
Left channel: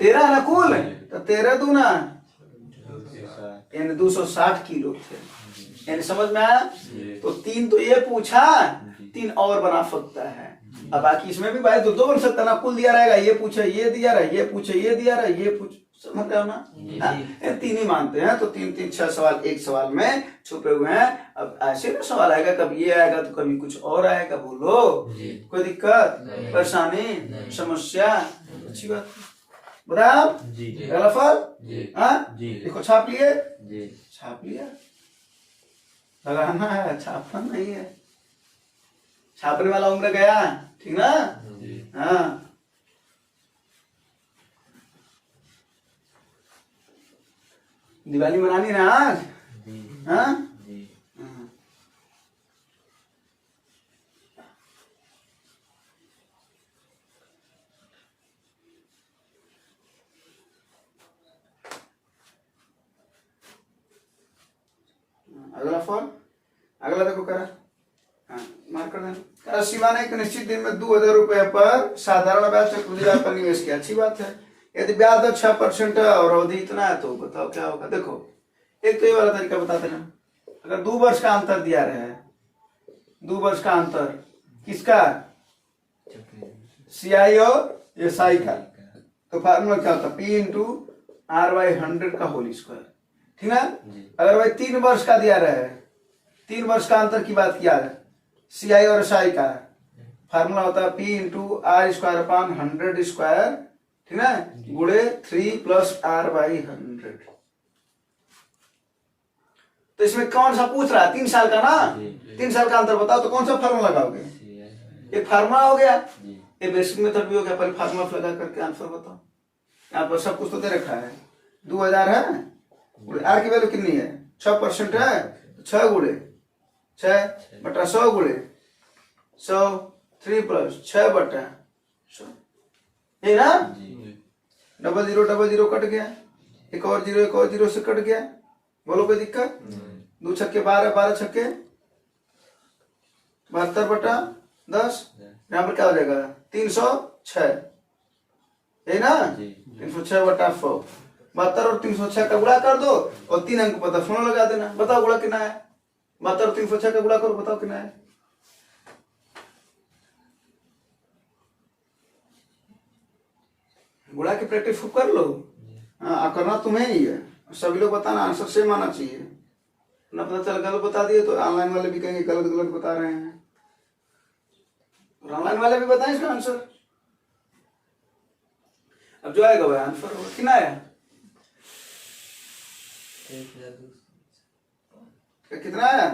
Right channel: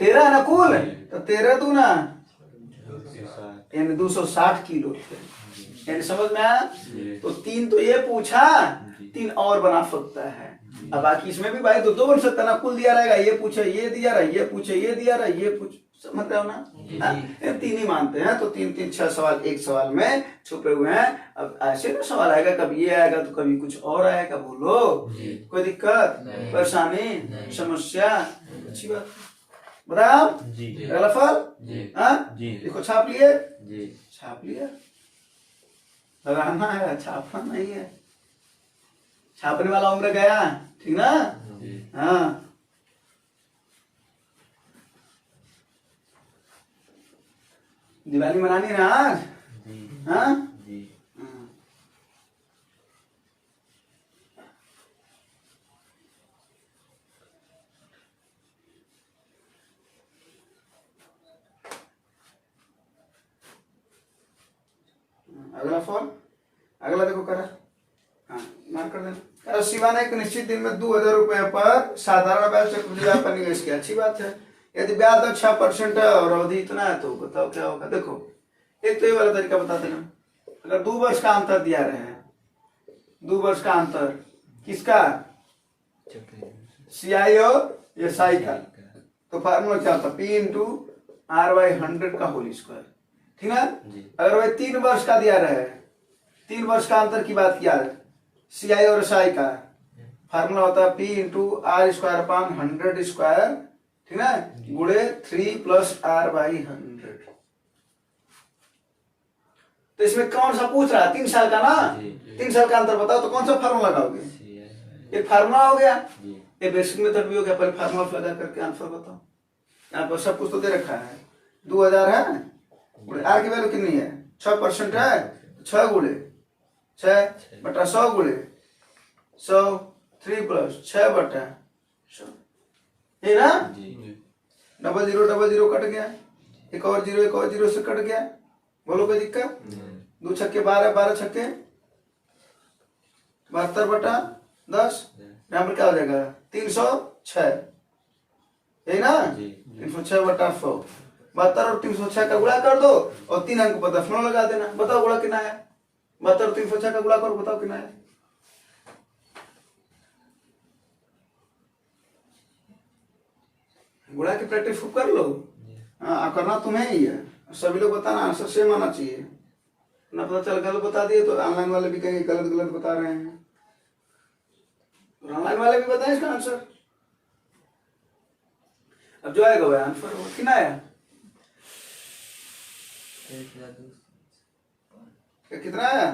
13 है ना कुल, तो 13 दूना यानी 260 किलो थे, यानी समझ में आया। तो 3 तो ये पूछा, 3 और बना सकता है। अब बाकी इसमें भी भाई दो बन सकता ना, कुल दिया रहेगा, ये पूछे ये दिया रहा, ये पूछे ये दिया रहा, ये पूछ, समझ रहे हो ना, 3 ही मानते हैं। तो 3 3 6 सवाल एक सवाल में छुपे हुए हैं। अब ऐसे ना सवाल आएगा, कभी ये आएगा तो कभी कुछ और आएगा, बोलो कोई दिक्कत परेशानी समस्या, अच्छी बात बताओ। अगला फल देखो, छाप लिए, छाप लिया, लगाना है, छापना नहीं है, छापने वाला उम्र गया, ठीक ना। हाँ दिवाली मनानी ना आज, हाँ अगला फॉर्म, अगला देखो करा, हाँ मार्क कर देना। शिवा ने एक निश्चित दिन में 2000 रुपए पर साधारण ब्याज चक्रवृद्धि पर निवेश किया, अच्छी बात है। यदि ब्याज दर 6% है और अवधि इतना है, तो बताओ क्या होगा। देखो एक तो ये वाला तरीका बता देना, अगर 2 वर्ष का अंतर दिया रहे, 2 वर्ष का अंतर किसका, CI और SI का, तो फार्मूला क्या होता है, P इंटू R/100 का होल स्क्वायर, ठीक है। अगर भाई 3 वर्ष का दिया रहे, 3 वर्ष का अंतर की बात किया है, CI और SI का फार्मूला होता है P इंटू R²/100², ठीक है, गुणे 3 + R/100। तो इसमें कौन सा पूछ रहा है, 3 साल का ना, 3 साल का अंतर बताओ, तो कौन सा फार्मूला लगाओगे, एक फार्मूला हो गया, ये बेसिक मेथड भी हो गया, पहले फार्मूला लगा करके आंसर बताओ। यहाँ पर सब कुछ तो दे रखा है, 2000 है, आर की वैल्यू कितनी है, 6% है, 6 गुणे 6 बटा 100 गुणे 100, 3 + 6/100, है ना। 0000 कट गया, एक और जीरो से कट गया, बोलो कोई दिक्कत। 2 छक्के 12, 12 छक्के 72/10, यहाँ पर क्या हो जाएगा 306, है ना, 306/100, 72 और 306 का गुणा कर दो और 3 अंक पता फॉर्मूला लगा देना, बताओ गुणा कितना है, 72 और 306 का गुणा करो, बताओ कितना है। गुणा की प्रैक्टिस कर लो, हाँ करना तुम्हें ही है, सभी लोग बताना, आंसर सेम आना चाहिए ना, पता चल गलत बता दिए तो ऑनलाइन वाले भी कहेंगे गलत गलत बता रहे हैं, ऑनलाइन वाले भी बताएं इसका आंसर। अब जो आएगा वह आंसर होगा, कितना आया, कितना आया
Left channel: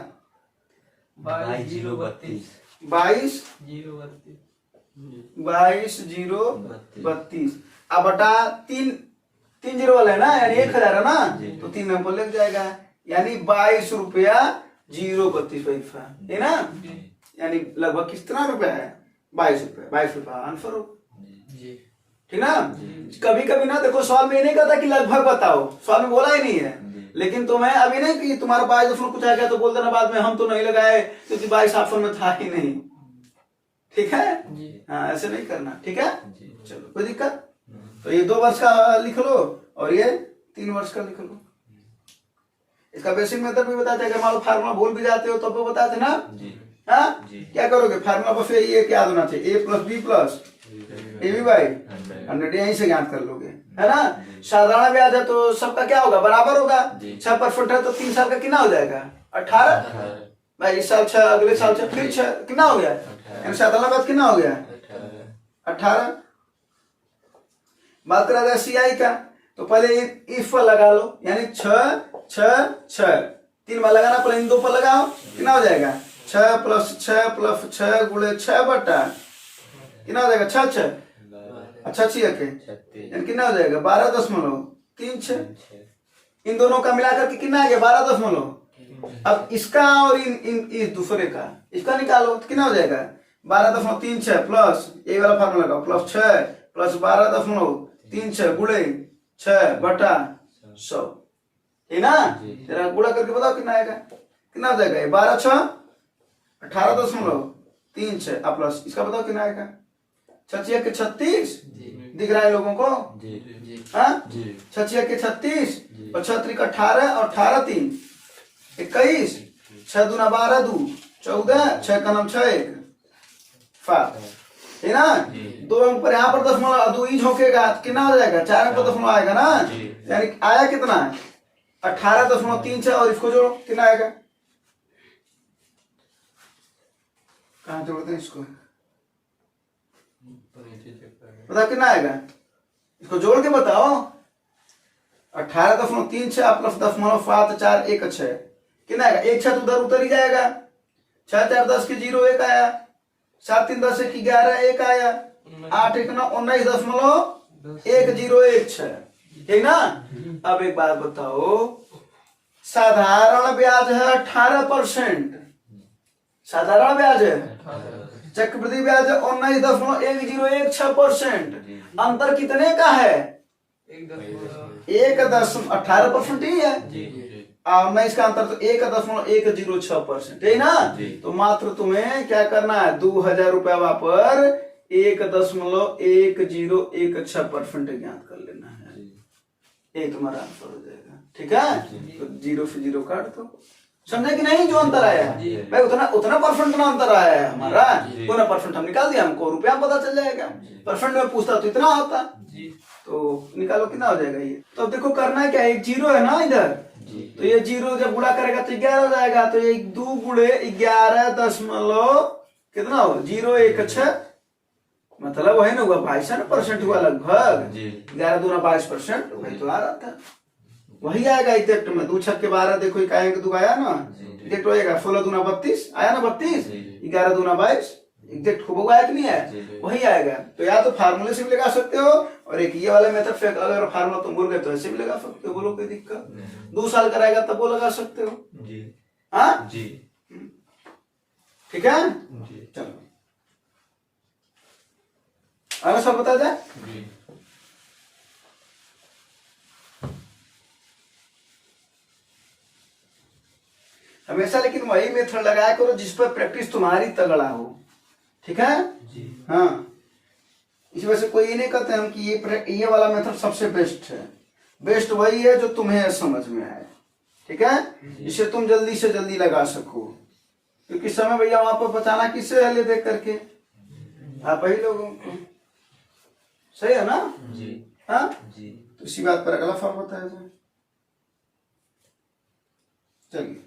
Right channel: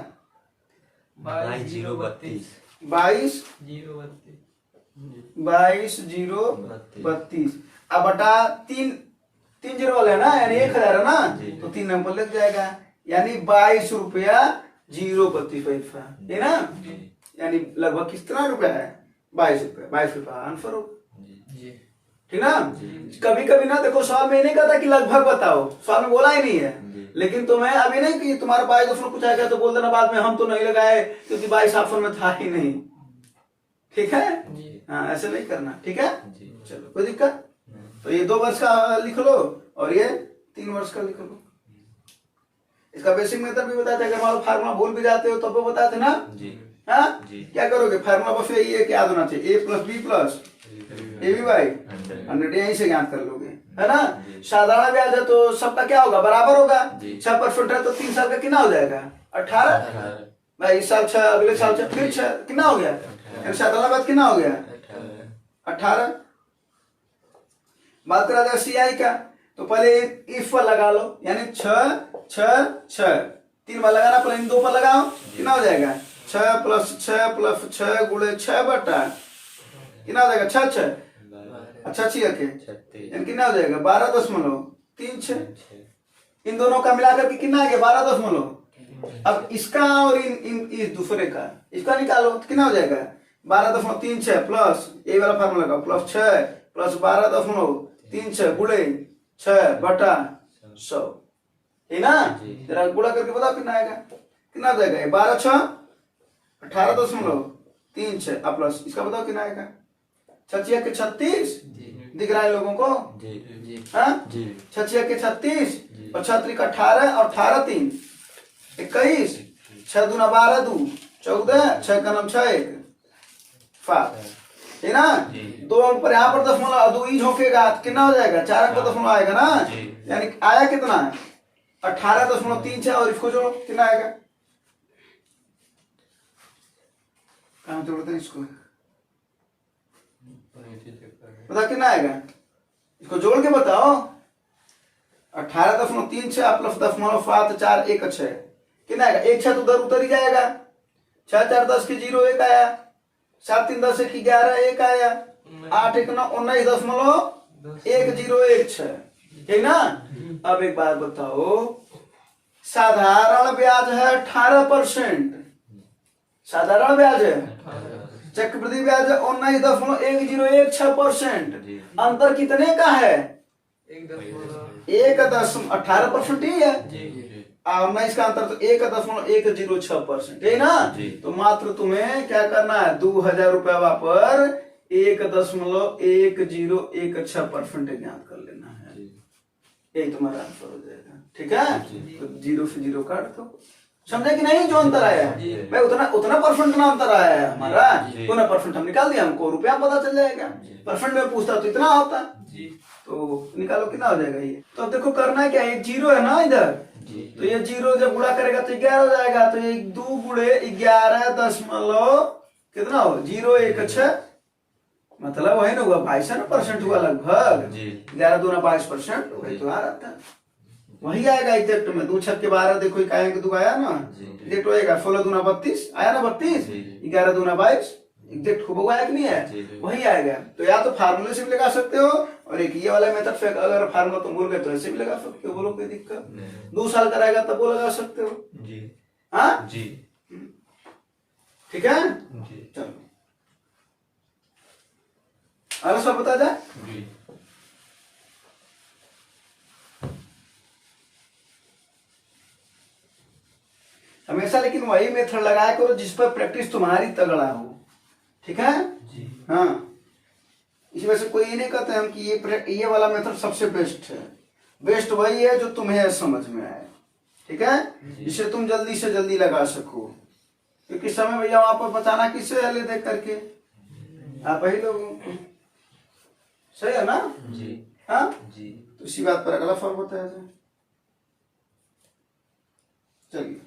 22,032। अब बटा 3 जीरो वाला है ना, यानी 1000 है ना, तो 3 नंबर लग जाएगा, यानी 22,032 पैसा, है ना, यानी लगभग कितना रुपया है, 22 रुपया आंसर हो, ठीक ना। कभी कभी ना देखो सवाल में नहीं कहता कि लगभग बताओ, सवाल में बोला ही नहीं है, लेकिन तुम्हें अभी नहीं कि तुम्हारा 22 कुछ आ गया तो बोल देना बाद में हम तो नहीं लगाए क्योंकि 22 ऑप्शन में था ही नहीं, ठीक है, हाँ ऐसे नहीं करना, ठीक है। चलो कोई दिक्कत, तो ये 2 वर्ष का लिख लो और ये 3 वर्ष का लिख लो। इसका बेसिक मेथड भी बताते हैं, अगर मान लो फार्मूला भूल भी जाते हो तब तो बताते ना। हाँ क्या करोगे, फार्मूला बस यही है, क्या याद होना चाहिए, a plus B plus A B by 100, यहीं से ज्ञात कर लोगे, है ना। साधारण ब्याज है तो सबका क्या होगा, बराबर होगा। 6% है तो 3 साल का कितना हो जाएगा, 18 भाई। इस साल 6, अगले साल 6, फिर 6, कितना हो गया, साधारण ब्याज कितना हो गया 18। बात करा जाए सी आई का, तो पहले इफ पर लगा लो, यानी 6 6 6 3 बार लगाना, पहले इन 2 पर लगाओ, कितना हो जाएगा 6 प्लस 6 प्लस 6 गुणे 6 बटा कितना हो जाएगा 6 6 अच्छा 6 के यानी कितना हो जाएगा 12.36। इन दोनों का मिलाकर के कितना आ गया 12.। अब इसका और इस दूसरे का इसका निकालो तो कितना हो जाएगा 12.36 प्लस ये वाला फार्मूला लगाओ, प्लस 6 प्लस 12.36 गुणे 6 बटा 100, है ना। जरा गुणा करके बताओ कितना आएगा, कितना हो जाएगा 12 6 18.36 प्लस इसका बताओ कितना आएगा 6 के 36 दिख रहा है लोगों को, हाँ 6 के 36 और 6 का 18 और 18 3 21 6 दूना 12 2 14 6 का नाम 6 1 5, है ना। 2 अंक पर यहाँ पर दशमलव 2 ही झोंकेगा कितना हो जाएगा 4 अंक पर दशमलव आएगा ना, यानी आया कितना 18.36 और इसको जोड़ो कितना आएगा, कहाँ जोड़ते हैं इसको, पता कितना आएगा, इसको जोड़ के बताओ 18.36 प्लस 0.74 1 6 कितना आएगा, 1 6 तो उधर उतर ही जाएगा, 6 4 10 के 0 1 आया, 7 3 10 1 11 1 आया, 8 1 9 19.1016 ठीक ना। अब एक बात बताओ, साधारण ब्याज है 18%, साधारण ब्याज है, चक्रवृद्धि ब्याज है 19.1016%, अंतर कितने का है 1.18% ही है, 19 का अंतर तो 1.106% है ना। तो मात्र तुम्हें क्या करना है 2000 रुपया पर 1.1016% ज्ञात कर लेना है, एक तुम्हारा आंसर हो जाएगा, ठीक है। तो 0 से 0 काट दो, समझे कि नहीं, जो अंतर आया है भाई उतना परसेंट ना अंतर आया है हमारा, उतना परसेंट हम निकाल दिया, हमको रुपया पता चल जाएगा, परसेंट में पूछता तो इतना होता, तो निकालो कितना हो जाएगा ये। तो देखो करना है क्या, एक 0 है ना इधर, तो ये 0 जब गुणा करेगा तो 11 हो जाएगा, तो ये 2 गुणे 11 दशमलव कितना हो 0 1 6, मतलब वही ना हुआ 22% हुआ लगभग, 11 दूना 22% वही तो आ रहा था, वही आएगा एग्जैक्ट में। 2 6 के 12 देखो इकाई के 2 आया ना, एग्जैक्ट होएगा, 16 दूना 32 आया ना 32, 11 दूना 22 एग्जैक्ट खूब आया कि नहीं है, वही आएगा। तो या तो फार्मूले से भी लगा सकते हो, और एक ये वाला मेथड से अगर फार्मूला तुम भूल गए तो ऐसे भी लगा सकते हो, बोलो कोई दिक्कत, 2 साल का रहेगा तब वो लगा सकते हो, हाँ ठीक है। चलो अगला सब बता जाए, हमेशा लेकिन वही मेथड लगाया करो जिस पर प्रैक्टिस तुम्हारी तगड़ा हो, ठीक है। हाँ इस वजह से कोई ये नहीं कहते हम कि ये वाला मेथड सबसे बेस्ट है, बेस्ट वही है जो तुम्हें समझ में आए, ठीक है, जिससे तुम जल्दी से जल्दी लगा सको, क्योंकि समय भैया वहां पर बताना किससे हले देख करके आप ही लोगों को, सही है ना हाँ तो इसी बात पर अगला फल होता है। चलिए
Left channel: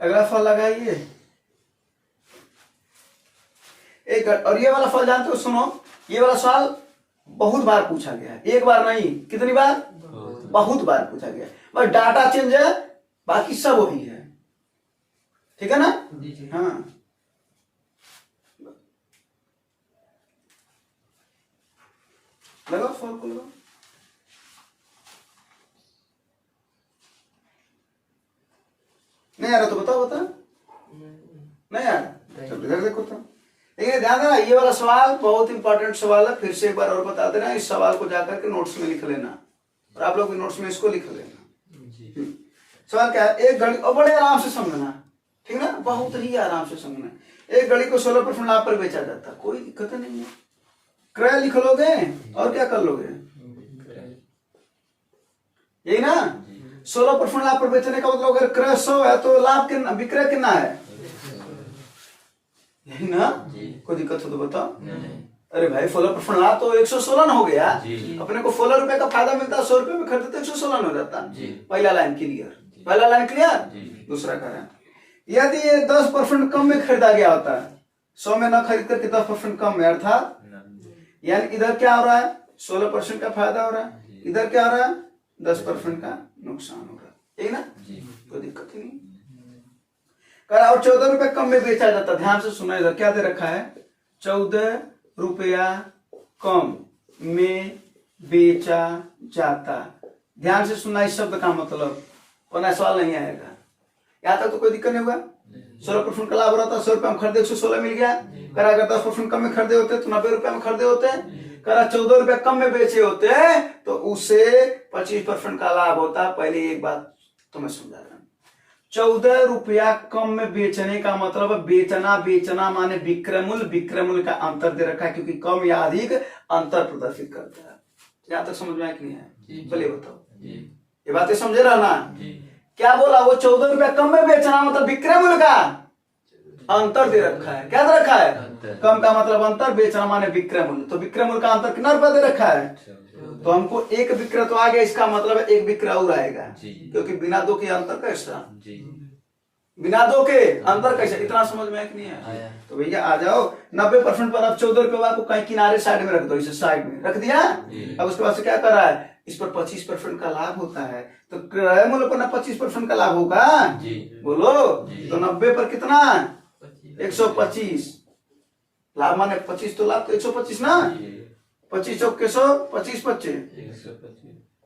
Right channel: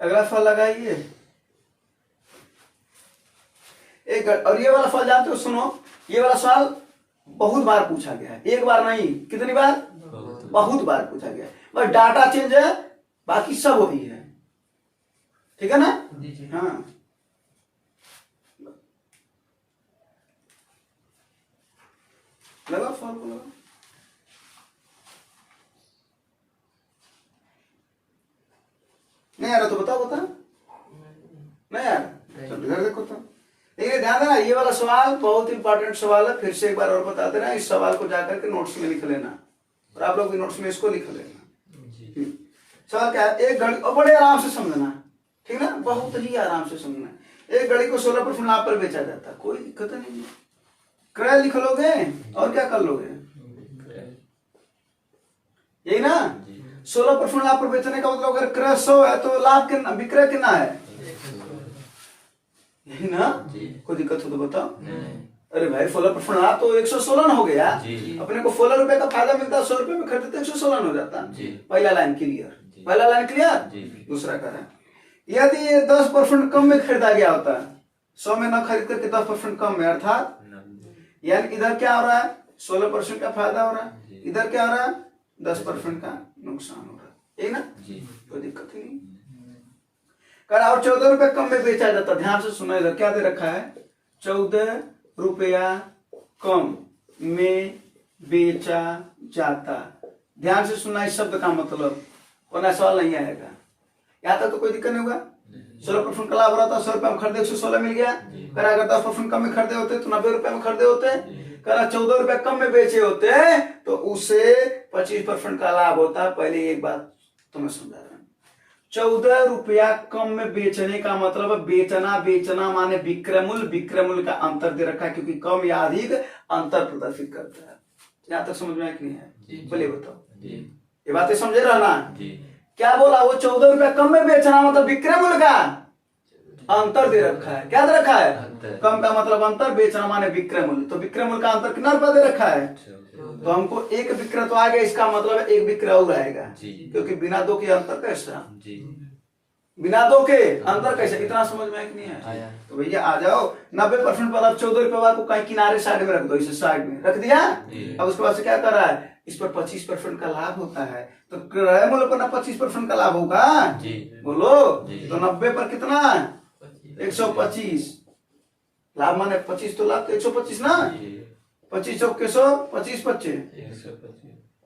अगला फल लगाइए, एक और ये वाला फल जानते हो, सुनो ये वाला सवाल बहुत बार पूछा गया है, एक बार नहीं कितनी बार, बहुत बार पूछा गया है, बस डाटा चेंज है बाकी सब वही है, ठीक है ना। हाँ लगाओ फल को लगाओ, नहीं आ रहा तो बताओ, बता नहीं आ रहा तो इधर देखो तो, लेकिन ध्यान देना ये वाला सवाल बहुत इंपॉर्टेंट सवाल है, फिर से एक बार और बता देना, इस सवाल को जाकर के नोट्स में लिख लेना, और आप लोग नोट्स में इसको लिख लेना। सवाल क्या है, एक घड़ी, और बड़े आराम से समझना, ठीक ना, बहुत ही आराम से समझना। एक घड़ी को 16% लाभ पर बेचा जाता, कोई दिक्कत नहीं है, क्रय लिख लोगे और क्या कर लोगे, यही ना। 16% लाभ पर बेचने का मतलब अगर क्रय 100 है तो लाभ कितना, विक्रय कितना है, यही ना। कोई दिक्कत हो तो बताओ। अरे भाई 16% लाभ तो 116 ना हो गया। अपने को 16 रुपए का फायदा मिलता है, 100 रुपए में खरीदते तो 116 हो जाता। पहला लाइन क्लियर, पहला लाइन क्लियर। दूसरा करें, यदि ये 10% कम में खरीदा गया होता है, 100 में ना खरीद करके 10% कम में, अर्थात यानी इधर क्या हो रहा है, 16% का फायदा हो रहा है, इधर क्या हो रहा है, 10% का नुकसान हो रहा है, यही ना। कोई दिक्कत ही नहीं। करा और 14 रुपए कम में बेचा जाता, ध्यान से सुना, इधर क्या दे रखा है, 14 रुपया कम में बेचा जाता। ध्यान से सुनना इस शब्द का मतलब, वरना सवाल नहीं आएगा। यहाँ तक तो कोई दिक्कत नहीं हुआ। 16% का लाभ हो रहा था, 100 रुपए में खरीदे 116 मिल गया। करा अगर 10% कम में खरीदे होते तो 90 रुपए में खरीदे होते। करा 14 रुपए कम में बेचे होते तो उससे 25% का लाभ होता। पहले एक बात तुम्हें समझा रहा हूं, 14 रुपया कम में बेचने का मतलब बेचना, बेचना माने विक्रय मूल्य, विक्रय मूल्य का अंतर दे रखा है, क्योंकि कम या अधिक अंतर प्रदर्शित करता है। यहाँ तक समझ में आया कि नहीं है, बोले बताओ। ये बातें समझे रहना। क्या बोला वो, 14 रुपया कम में बेचना मतलब विक्रय मूल्य का अंतर दे रखा है। क्या दे रखा है, कम का मतलब अंतर, बेचना माने विक्रय मूल्य। तो विक्रय मूल्य का अंतर कितना रुपया दे रखा है, तो हमको एक विक्रय तो आ गया, इसका मतलब है एक विक्रय और आएगा, क्योंकि बिना दो के अंतर कैसा, बिना दो के अंतर कैसे, इतना समझ में नहीं है। तो भैया आ जाओ, 90% पर अब 14 रुपए को कहीं किनारे साइड में रख दो, इसे साइड में रख दिया। अब उसके बाद से क्या कर रहा है, इस पर 25% का लाभ होता है, तो क्रय मूल्य पर ना 25% का लाभ होगा, बोलो। तो 90 पर कितना, 125 लाभ, माने 25 तो लाभ तो 125 ना, 25 चौके 100, 25 25,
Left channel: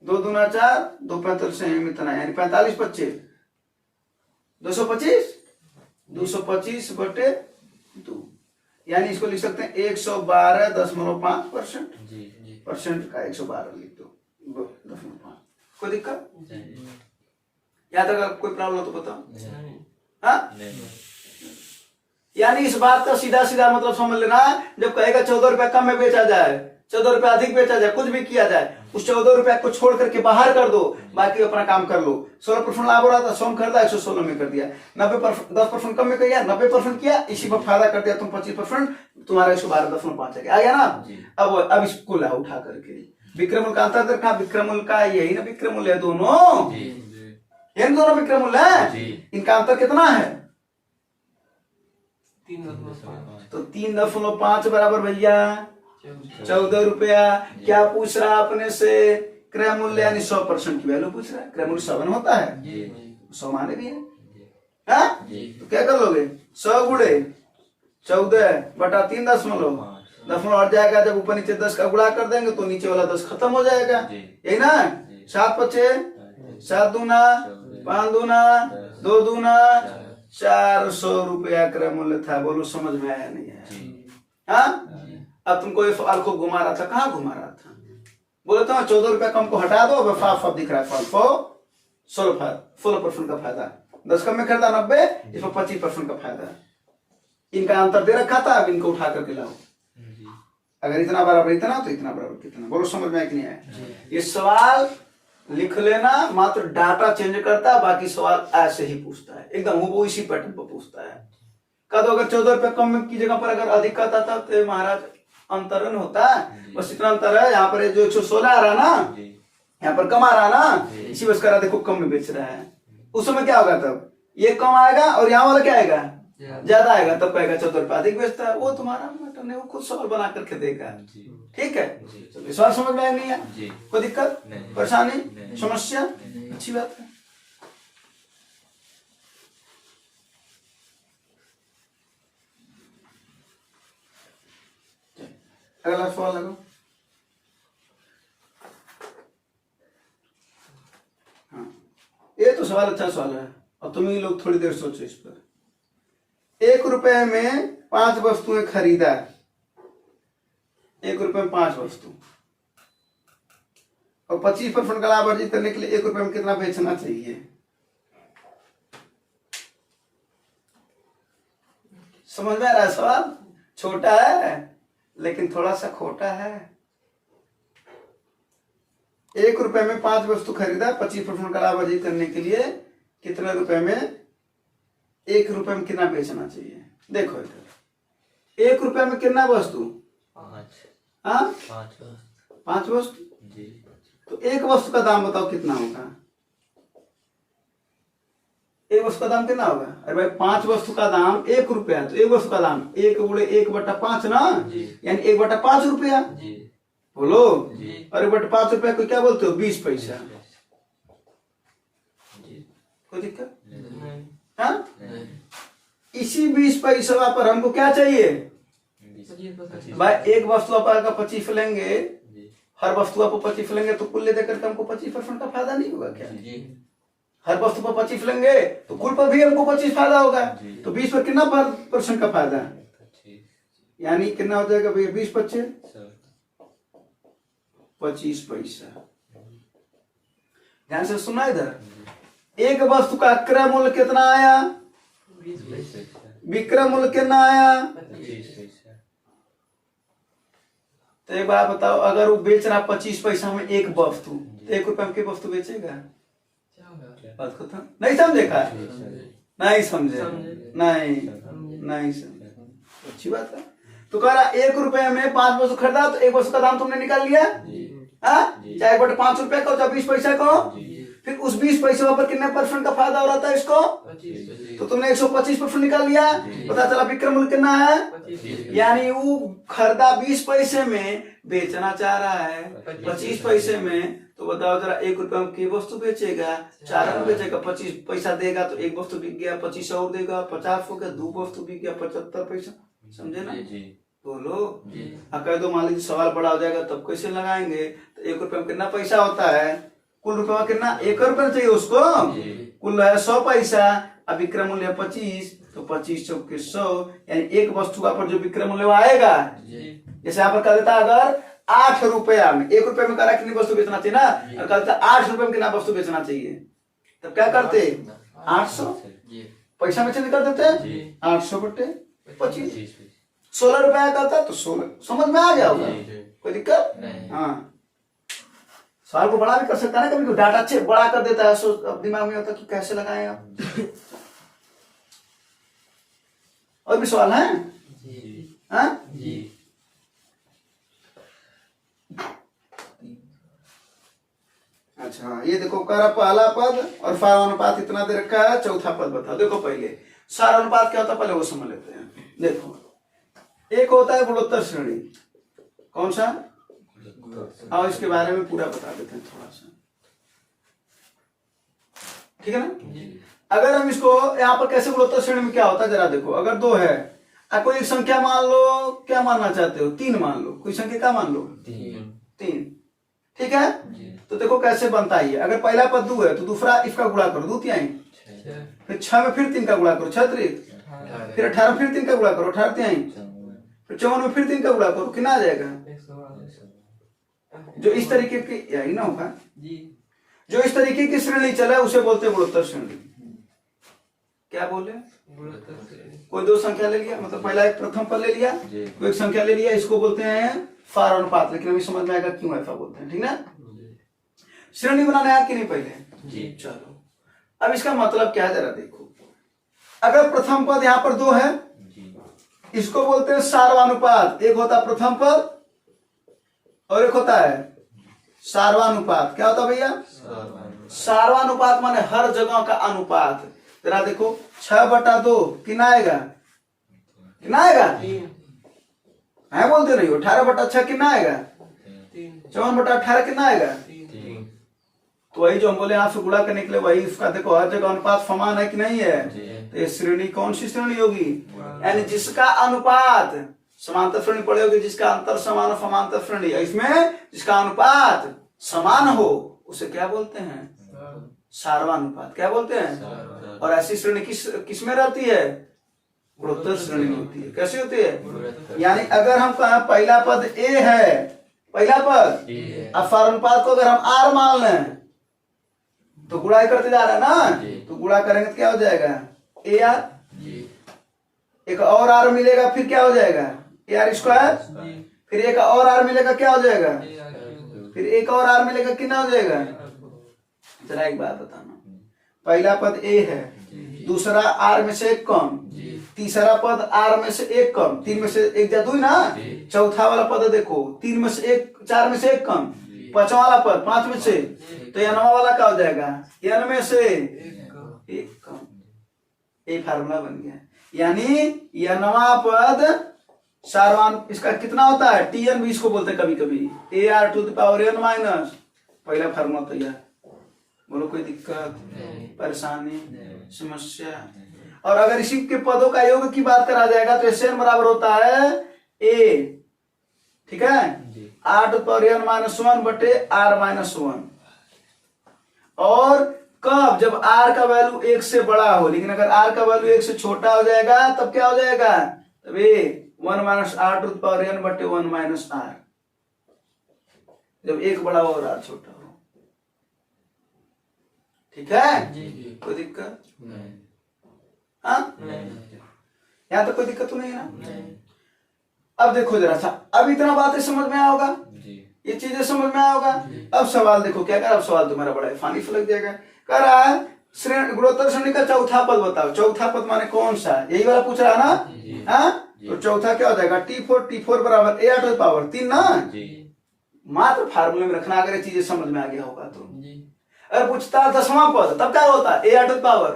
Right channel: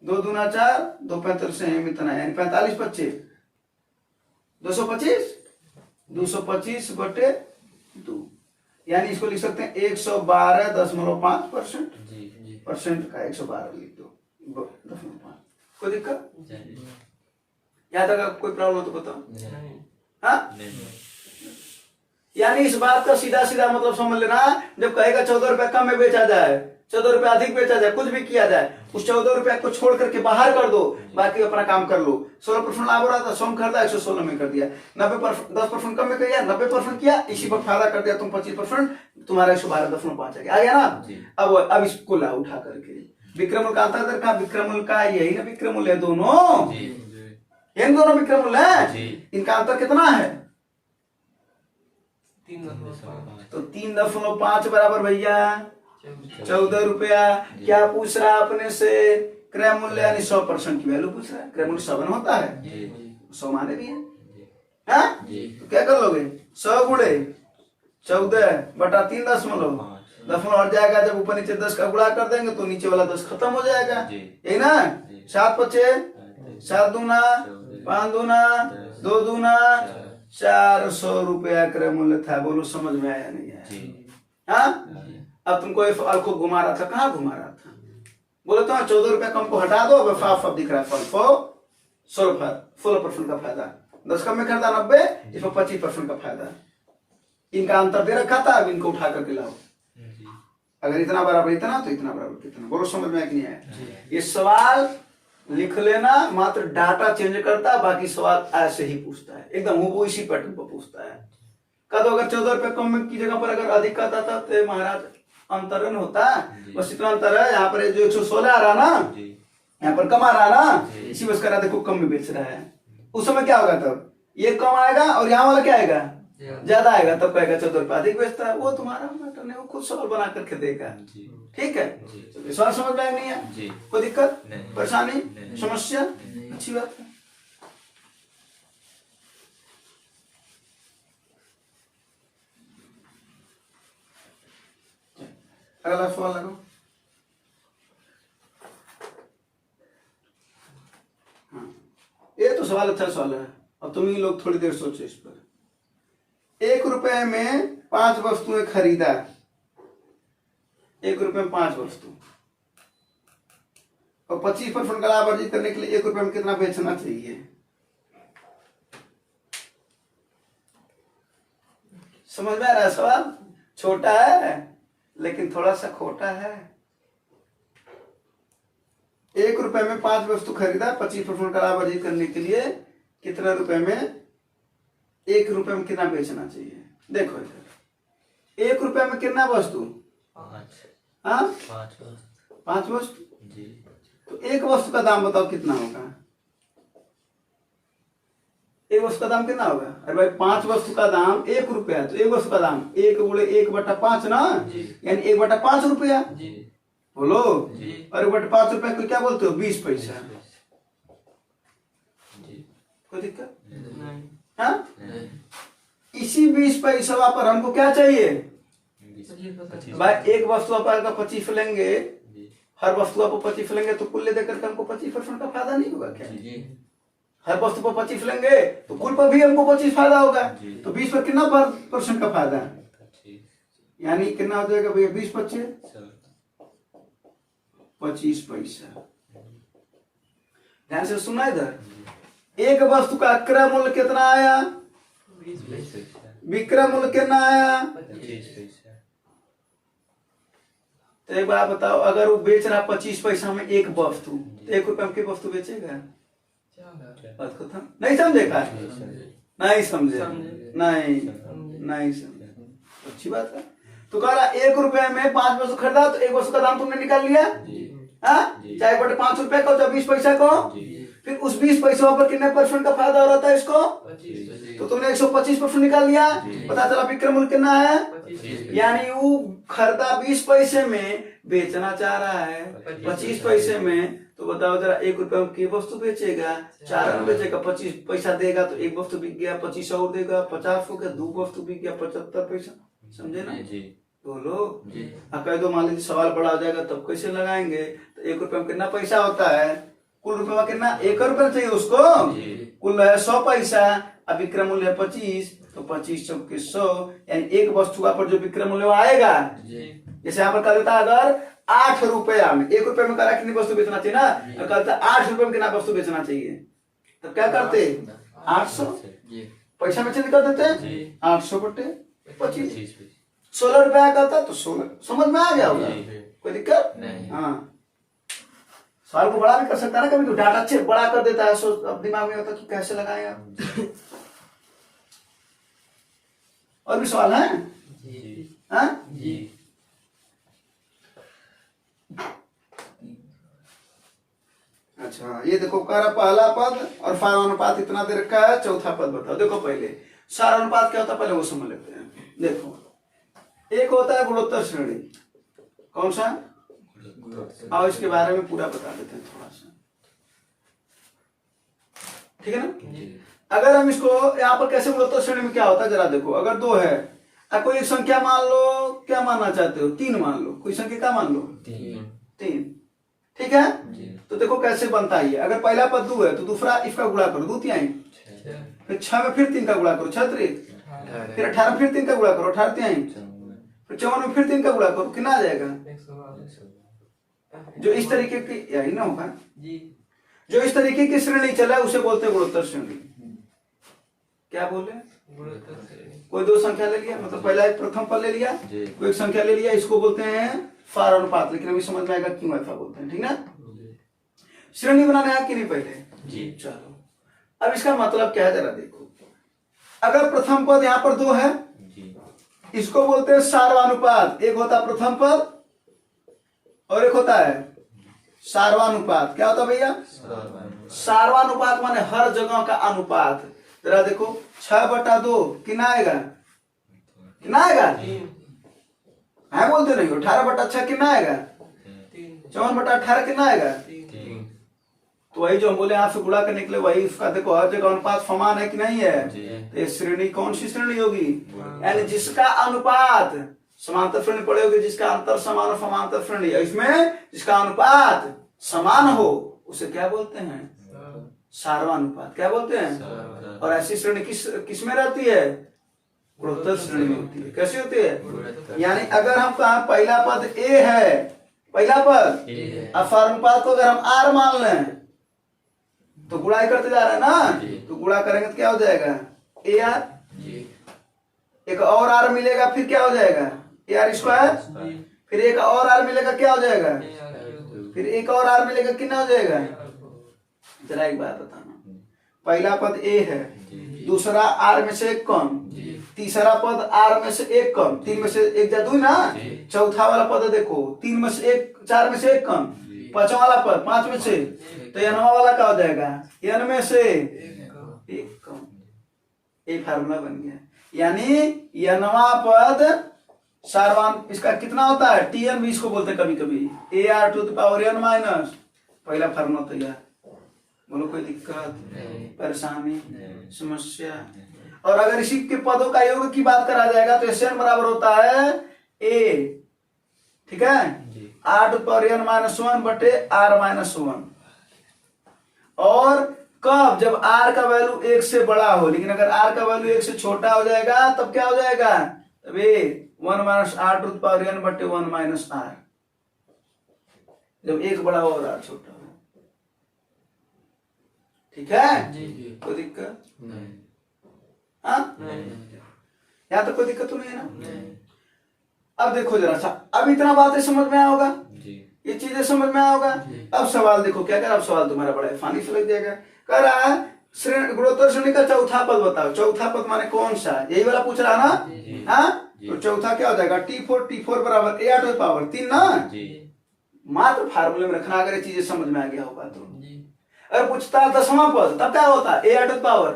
2 दूना 4, 2 45 से इतना, यानी 45 25, 225, 225 बटे 2, यानी इसको लिख सकते हैं 112.5%। परसेंट का 112 लिख दो, 0.5। कोई दिक्कत, यहाँ तक कोई प्रॉब्लम हो तो बताओ। हाँ, यानी इस बात का सीधा सीधा मतलब समझ लेना, जब कहेगा 14 रुपए कम में बेचा जाए, 14 रुपए अधिक बेचा जाए, कुछ भी किया जाए, उस 14 रुपए को छोड़ करके बाहर कर दो, बाकी अपना काम कर लो। 16% लाभ हो रहा था, 100 में खरीदा 116 में कर दिया। 90% 10% कम में कर दिया, 90% किया, इसी पर फायदा कर दिया तुम 25%, तुम्हारा 112.5 आ गया ना। अब इसको ला उठा करके विक्रय मूल्य का अंतर देखा, विक्रय मूल्य का यही ना, विक्रय मूल्य है दोनों, इन दोनों विक्रय मूल्य है, इनका अंतर कितना है, 3.5। तो 3.5 बराबर भैया 14 रुपया। क्या पूछ रहा है अपने से, क्रय मूल्य यानी 100% की वैल्यू पूछ रहा है। क्रय मूल्य 100 होता है, 100 माने भी है, हाँ? तो क्या कर लोगे, 100 गुणे 14 बटा 3 दशमलव हट जाएगा। जब ऊपर नीचे 10 का गुणा कर देंगे तो नीचे वाला 10 खत्म हो जाएगा, यही ना। 7 5 7 दूना 5 दूना 2 दूना 400 रुपया क्रय मूल्य था। बोलो समझ में आया नहीं आया? हाँ, अब तुमको ये फल को घुमा रहा था, कहाँ घुमा रहा था, बोले तो 14 रुपया कम को हटा दो, अब फाफ दिख रहा है, फल 16% का फायदा, 10 कम में खरीदा 90, इसमें 25% का फायदा। इनका अंतर दे रखा था, अब इनको उठा करके लाओ, अगर इतना बराबर इतना तो इतना बराबर कितना। बोलो समझ में आया कि नहीं आया? ये सवाल लिख लेना, मात्र डाटा चेंज करता है, बाकी सवाल ऐसे ही पूछता है, एकदम वो इसी पैटर्न पर पूछता है। कद अगर 14 रुपए कम की जगह पर अगर अधिक का था तो महाराज अंतरण होता है, बस इतना अंतर है। यहाँ पर जो 116 आ रहा ना, यहाँ पर कम आ रहा ना, इसी वजह से देखो कम में बेच रहा है। उस समय क्या होगा, तब ये कम आएगा और यहाँ वाला क्या आएगा, ज्यादा आएगा, तब कहेगा 14 रुपए अधिक बेचता है। वो तुम्हारा मैटर नहीं, वो खुद सवाल बना करके देगा, ठीक है। सवाल समझ में नहीं है, कोई दिक्कत परेशानी समस्या, अच्छी बात है। अगला सवाल लगो। हाँ, ये तो सवाल अच्छा सवाल है, अब तुम ही लोग थोड़ी देर सोचो इस पर। 1 रुपए में 5 वस्तुएं खरीदा, 1 रुपए में 5 वस्तु, और 25% का लाभ अर्जित करने के लिए 1 रुपए में कितना बेचना चाहिए। समझ में आ रहा है सवाल? छोटा है लेकिन थोड़ा सा खोटा है। 1 रुपए में 5 वस्तु खरीदा, 25% का लाभ अर्जित करने के लिए कितने रुपए में 1 रुपए में कितना बेचना चाहिए? देखो इधर 1 रुपए में कितना वस्तु? 5 वस्तु। तो एक वस्तु का दाम बताओ कितना होगा? एक वस्तु का दाम कितना होगा? अरे भाई 5 वस्तु का दाम 1 रुपया है, तो एक वस्तु का दाम 1 गुणे 1/5 ना, यानी 1/5 रुपया। बोलो। और 1/5 रुपया को क्या बोलते हो? 20 पैसा। कोई दिक्कत? हाँ, इसी 20 पैसा पर हमको क्या चाहिए भाई? एक वस्तु पर 25 लेंगे, हर वस्तु पर 25 लेंगे तो कुल लेकर के हमको 25% का फायदा नहीं होगा क्या? हर वस्तु पर 25 लेंगे तो कुल पर भी हमको 25 फायदा होगा, तो 20 पर कितना % का फायदा है? यानी कितना हो जाएगा भैया? 20 25 25 पैसा। ध्यान से सुना इधर। एक वस्तु का क्रय मूल्य कितना आया? विक्रय मूल्य कितना आया? तो एक बात बताओ, अगर वो बेच रहा 25 पैसा में एक वस्तु, तो 1 रुपए में की वस्तु बेचेगा? बात खत्म। नहीं समझे का? नहीं समझे? नहीं समझे। अच्छी बात है। तो कह रहा 1 रुपए में 5 वस्तु खरीदा, तो एक वस्तु का दाम तुमने निकाल लिया, चाहे 1/5 रुपए का, चाहे 20 पैसा को। फिर उस 20 पैसों पर कितने % का फायदा हो रहा था इसको? तो तुमने 125% निकाल लिया। पता चला विक्रय मूल्य कितना है, यानी वो खरीदा 20 पैसे में, बेचना चाह रहा है 25 पैसे में। तो बताओ जरा, 1 रुपए में की वस्तु बेचेगा? 4 में बेचेगा, 25 पैसा देगा तो एक वस्तु बिक गया, 25 और देगा, 50 हो गया, 2 वस्तु बिक गया, 75 पैसा। समझे ना? बोलो। कह दो मान लीजिए सवाल बड़ा हो जाएगा तब कैसे लगाएंगे? तो 1 रुपए में कितना पैसा होता है? कुल रुपए में कितना? 1 रुपए चाहिए उसको, कुल है 100 पैसा, अब विक्रय मूल्य है 25, तो 25 चौके 100, यानी एक वस्तु का पर जो विक्रय मूल्य आएगा, जैसे यहाँ पर कह देता अगर 8 रुपया में, 1 रुपए में करा कितनी वस्तु बेचना चाहिए ना, और कहता 8 रुपए में कितना वस्तु बेचना चाहिए, तब क्या करते? 800 पैसा में चेंज कर देते, 800 बटे 25। 16 रुपया करता तो 16। समझ में आ गया होगा? कोई दिक्कत? हाँ, सवाल को बड़ा भी कर सकता है ना, कभी डाटा अच्छे बड़ा कर देता है, सोच अब दिमाग में होता है कि कैसे लगाएं आप। और भी सवाल है? हाँ? अच्छा, ये देखो कह पहला पद और फार अनुपात इतना दे रखा है, चौथा पद बताओ। देखो पहले सार अनुपात क्या होता है, पहले वो समझ लेते हैं। देखो एक होता है गुणोत्तर श्रेणी, कौन सा? आओ इसके बारे में पूरा बता देते हैं थोड़ा सा, ठीक है ना? अगर हम इसको यहाँ पर कैसे गुणोत्तर श्रेणी में क्या होता है जरा देखो। अगर 2 है, कोई एक संख्या मान लो, क्या मानना चाहते हो? 3 मान लो, कोई संख्या क्या मान लो? 3, ठीक है? तो देखो कैसे बनता है। अगर पहला पद 2 है तो दूसरा इसका गुणा करो, 2 तिहाई, फिर 6 में फिर 3 का गुणा करो, 6 त्रिक, फिर 18 में फिर 3 का गुणा करो, 18 तिहाई, फिर 54 में फिर 3 का गुणा करो, कितना आ जाएगा? जो इस तरीके की, यही ना होगा, जो इस तरीके की श्रेणी चला उसे बोलते हैं गुणोत्तर श्रेणी। क्या बोले? कोई 2 संख्या ले लिया, मतलब पहला एक प्रथम पद ले लिया, कोई एक संख्या ले लिया, इसको बोलते हैं फार अनुपात। लेकिन अभी समझ में आएगा क्यों ऐसा बोलते हैं, ठीक ना? श्रेणी बनाना है कि नहीं पहले? चलो अब इसका मतलब क्या है जरा देखो। अगर प्रथम पद यहाँ पर 2 है, इसको बोलते हैं सार्वानुपात। एक होता है प्रथम पद और एक होता है सार्वानुपात। क्या होता है भैया? सार्वानुपात माने हर जगह का अनुपात। जरा देखो 6/2 कितना आएगा? कितना आएगा? है बोलते नहीं हो। 18/6 कितना आएगा? 54/18 कितना आएगा? तो वही जो हम बोले यहाँ से गुणा करने के लिए, वही उसका देखो हर जगह अनुपात समान है कि नहीं है? तो ये श्रेणी कौन सी श्रेणी होगी? यानी जिसका अनुपात समांतर श्रेणी पड़े होगी, जिसका अंतर समान हो समांतर श्रेणी, इसमें जिसका अनुपात समान हो उसे क्या बोलते हैं? सार्वानुपात। क्या बोलते हैं? और ऐसी श्रेणी किस में रहती है? गुणोत्तर श्रेणी में होती है। कैसी होती है? यानी अगर हम कहें पहला पद ए है, पहला पद, अब सार्वानुपात को अगर हम आर मान लें तो गुणा करते जा रहा है ना, तो गुणा करेंगे तो क्या हो जाएगा? ए आर, एक और आर मिलेगा, फिर क्या हो जाएगा? ए आर स्क्वायर, फिर एक और आर मिलेगा, क्या हो जाएगा? फिर एक और आर मिलेगा, कितना हो जाएगा? जरा एक बात बताना, पहला पद ए है, दूसरा आर में से एक कम, तीसरा पद आर में से एक कम, तीन में से एक जा दो ना, चौथा वाला पद देखो तीन में से एक, चार में से एक कम, पांचवा वाला पद पांच में से, तो एनवा वाला क्या हो जाएगा? एन में से एक कम। ये फार्मूला बन गया, यानी एनवा पद सारवान इसका कितना होता है? टीएन भी इसको बोलते कभी कभी, A R to the power N minus. पहला फार्मूला तैयार। बोलो कोई दिक्कत, परेशानी, समस्या? और अगर इसी के पदों का योग की बात करा जाएगा तो एस एन बराबर होता है ए, ठीक है, R to power N minus one बटे आर माइनस वन। और कब? जब आर का वैल्यू एक से बड़ा हो, लेकिन अगर आर का वैल्यू एक से छोटा हो जाएगा तब क्या हो जाएगा? तब a one minus r to power n बटे वन माइनस आर, जब एक बड़ा हो और आर छोटा हो। ठीक है, कोई दिक्कत? हाँ, यहाँ तो कोई दिक्कत तो नहीं है ना? अब देखो जरा सा, अब इतना बातें समझ में आया होगा, ये चीजें समझ में आया होगा। अब सवाल देखो क्या कर, अब सवाल तुम्हारा बड़ा फानी फलक जाएगा। कह रहा है गुणोत्तर श्रेणी का चौथा पद बताओ। चौथा पद माने कौन सा? यही वाला पूछ रहा ना? हाँ, तो चौथा क्या हो जाएगा? T4 बराबर ए आर टू पावर 3 ना। मात्र फार्मूले में रखना, अगर ये चीजें समझ में आ गया होगा तो। अगर पूछता 10वां पद तब क्या होता? A R to power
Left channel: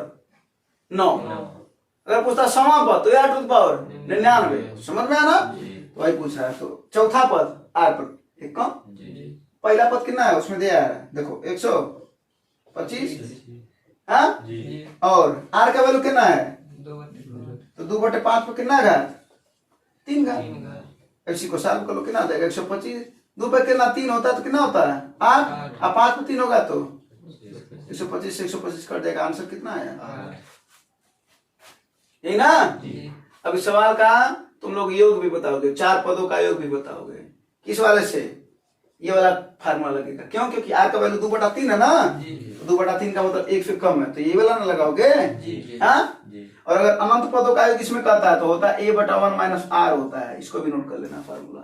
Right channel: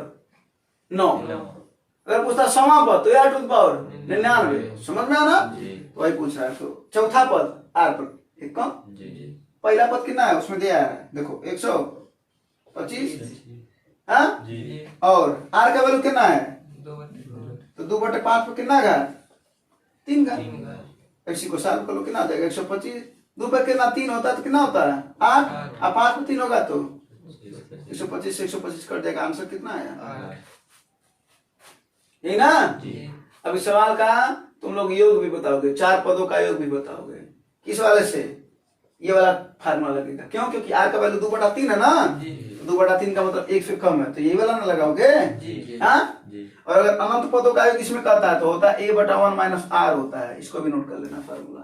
9। अगर पूछता 6वां पद तो ए आर टू पावर 99। समझ में आना? वही पूछ रहा है। तो चौथा पद आर पर एक कम, पहला पद कितना है उसमें दिया है देखो 125, हाँ, और आर का वैल्यू कितना है? तो 2/5 पे कितना है? 3 का। इसी को सॉल्व कर लो, कितना आ जाएगा? 125। 2 पे कितना 3 होता है तो कितना होता है? 8। अब 5 पे 3 होगा तो 125 से 125 कर देगा। आंसर कितना है? यही ना? अब इस सवाल का तुम लोग योग भी बताओगे, 4 पदों का योग भी बताओगे। किस वाले से? ये वाला फार्मूला लगेगा। क्यों? क्योंकि आर का वैल्यू 2/3 है ना, 2/3 का मतलब 1 से कम है, तो ये वाला ना लगाओगे। हाँ, और अगर अनंत पदों का योग इसमें कहता है तो होता है a/1 माइनस आर होता है। इसको भी नोट कर लेना फार्मूला।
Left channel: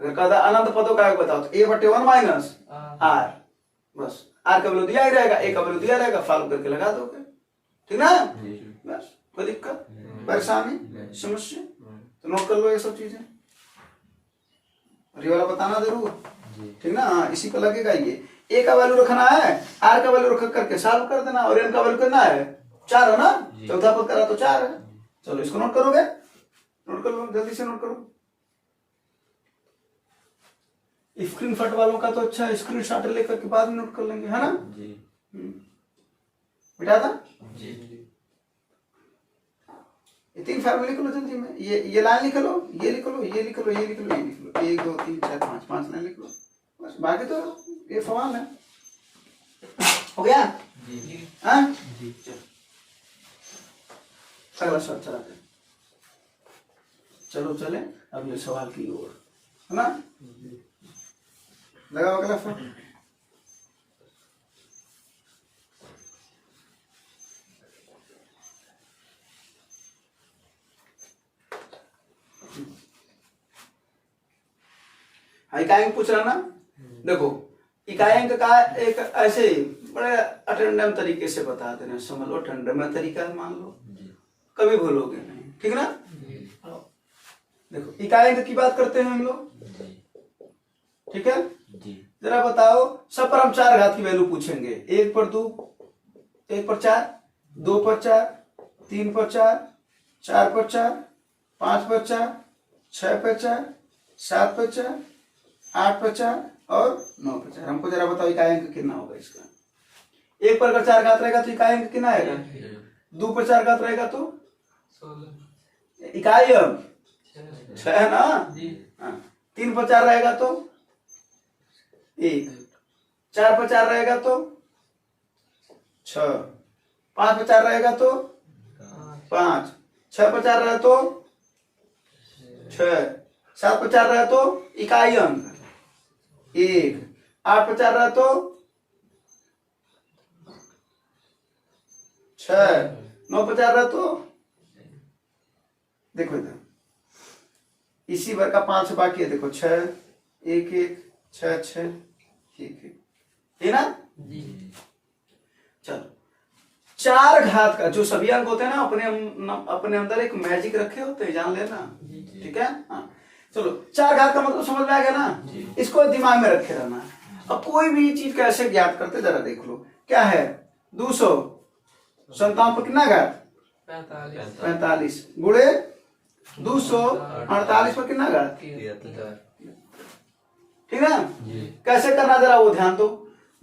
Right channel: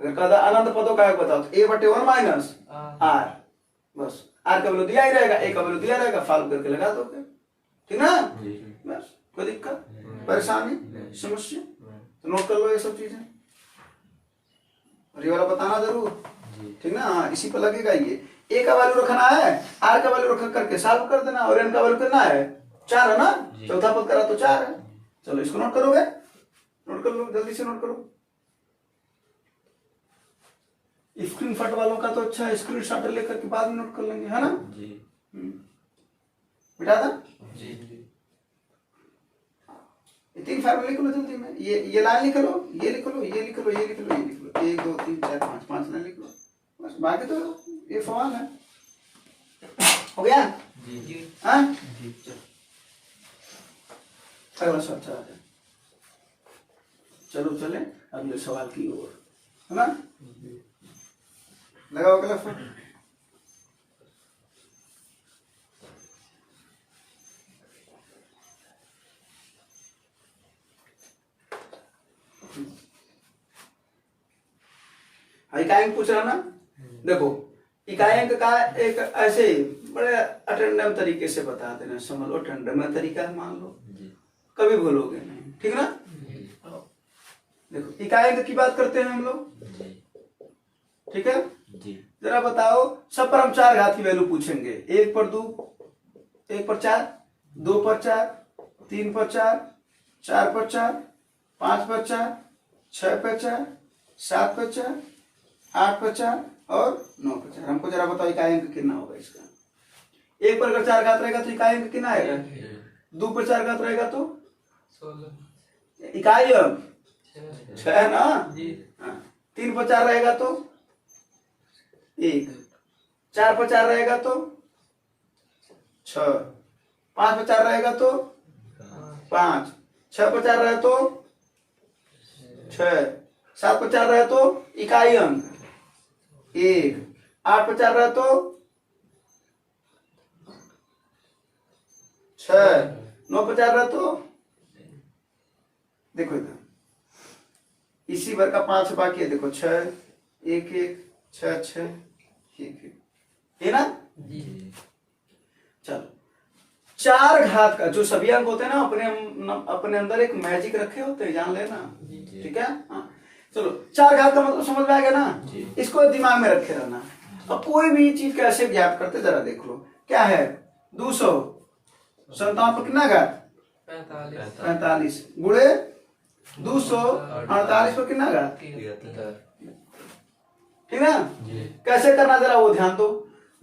अगर कहता है अनंत पदों का योग बताओ तो a/1 माइनस आर, बस आर का वैल्यू दिया ही रहेगा, ए का वैल्यू दिया रहेगा, सॉल्व करके लगा दोगे। ठीक ना? बस, कोई दिक्कत, परेशानी, समस्या? तो नोट कर लो ये सब चीजें, और ये वाला बताना जरूर। ठीक ना? हाँ, इसी पर लगेगा। ये ए का वैल्यू रखना है, आर का वैल्यू रख करके सॉल्व कर देना, और एन का वैल्यू कितना है? 4 है ना? चौथा पद करा तो 4 है। चलो इसको नोट करोगे? नोट कर लो, जल्दी से नोट करो। स्क्रीन शॉट वालों का तो अच्छा, स्क्रीन शॉट लेकर के बाद में नोट कर लेंगे, है ना? बिठा था? ये 3 फार्मूले लिख लो जल्दी में। ये लाइन लिख लो, ये लिख लो, ये लिख लो, ये लिख लो, ये लिख लो। 1 2 3 4 5 लाइन लिख लो, बस। बाकी तो ये सवाल है। हो गया? हाँ, अगला सवाल चलाते हैं। चलो चले अगले सवाल की ओर, है ना? लगाओ अगला फोन। इकाई अंक पूछ रहा ना? देखो, इकाई अंक का एक ऐसे बड़े अटेंडम तरीके से बता देना, समझ लो। अटेंडम तरीका मान लो, कभी भूलोगे नहीं। ठीक ना? देखो, इकाई अंक की बात करते हैं हम लोग। ठीक है, जरा बताओ, सब पर हम 4 घात की वैल्यू पूछेंगे। 1 पर 2, 1 पर 4, 2 पर 4, 3 पर 4, 4 पर 4, 5 पर 4, 6 पर 4, 7 पर 4, 8 पर 4 और 9 पर 4। हमको जरा बताओ इकाई अंक कितना होगा इसका? 1 पर अगर 4 घात रहेगा तो इकाई अंक कितना आएगा? 2 पर 4 घात रहेगा तो इकाई अंक 6 ना? 3 पर 4 रहेगा तो 1, 4 पर 4 रहेगा तो 6, 5 पर 4 रहेगा तो 5, 6 पर 4 रहे तो 6, 7 पर 4 रहे तो इकाई अंक 1, 8 पर 4 रहे तो 6, 9 पर 4 रहे तो देखो इधर इसी भर का 5 बाकी है। देखो 6, 1 1 6 6 ठीक है ना। चलो 4 घात का जो सभी अंक होते हैं ना अपने अंदर एक मैजिक रखे होते हैं, जान लेना, ठीक है। हाँ चलो 4 घात का मतलब समझ में आ गया ना, इसको दिमाग में रखे रहना। अब कोई भी चीज कैसे ज्ञात करते जरा देख लो, क्या है 257 पर कितना घात 45 गुणे 248 पर कितना घात, ठीक है। कैसे करना जरा वो ध्यान दो।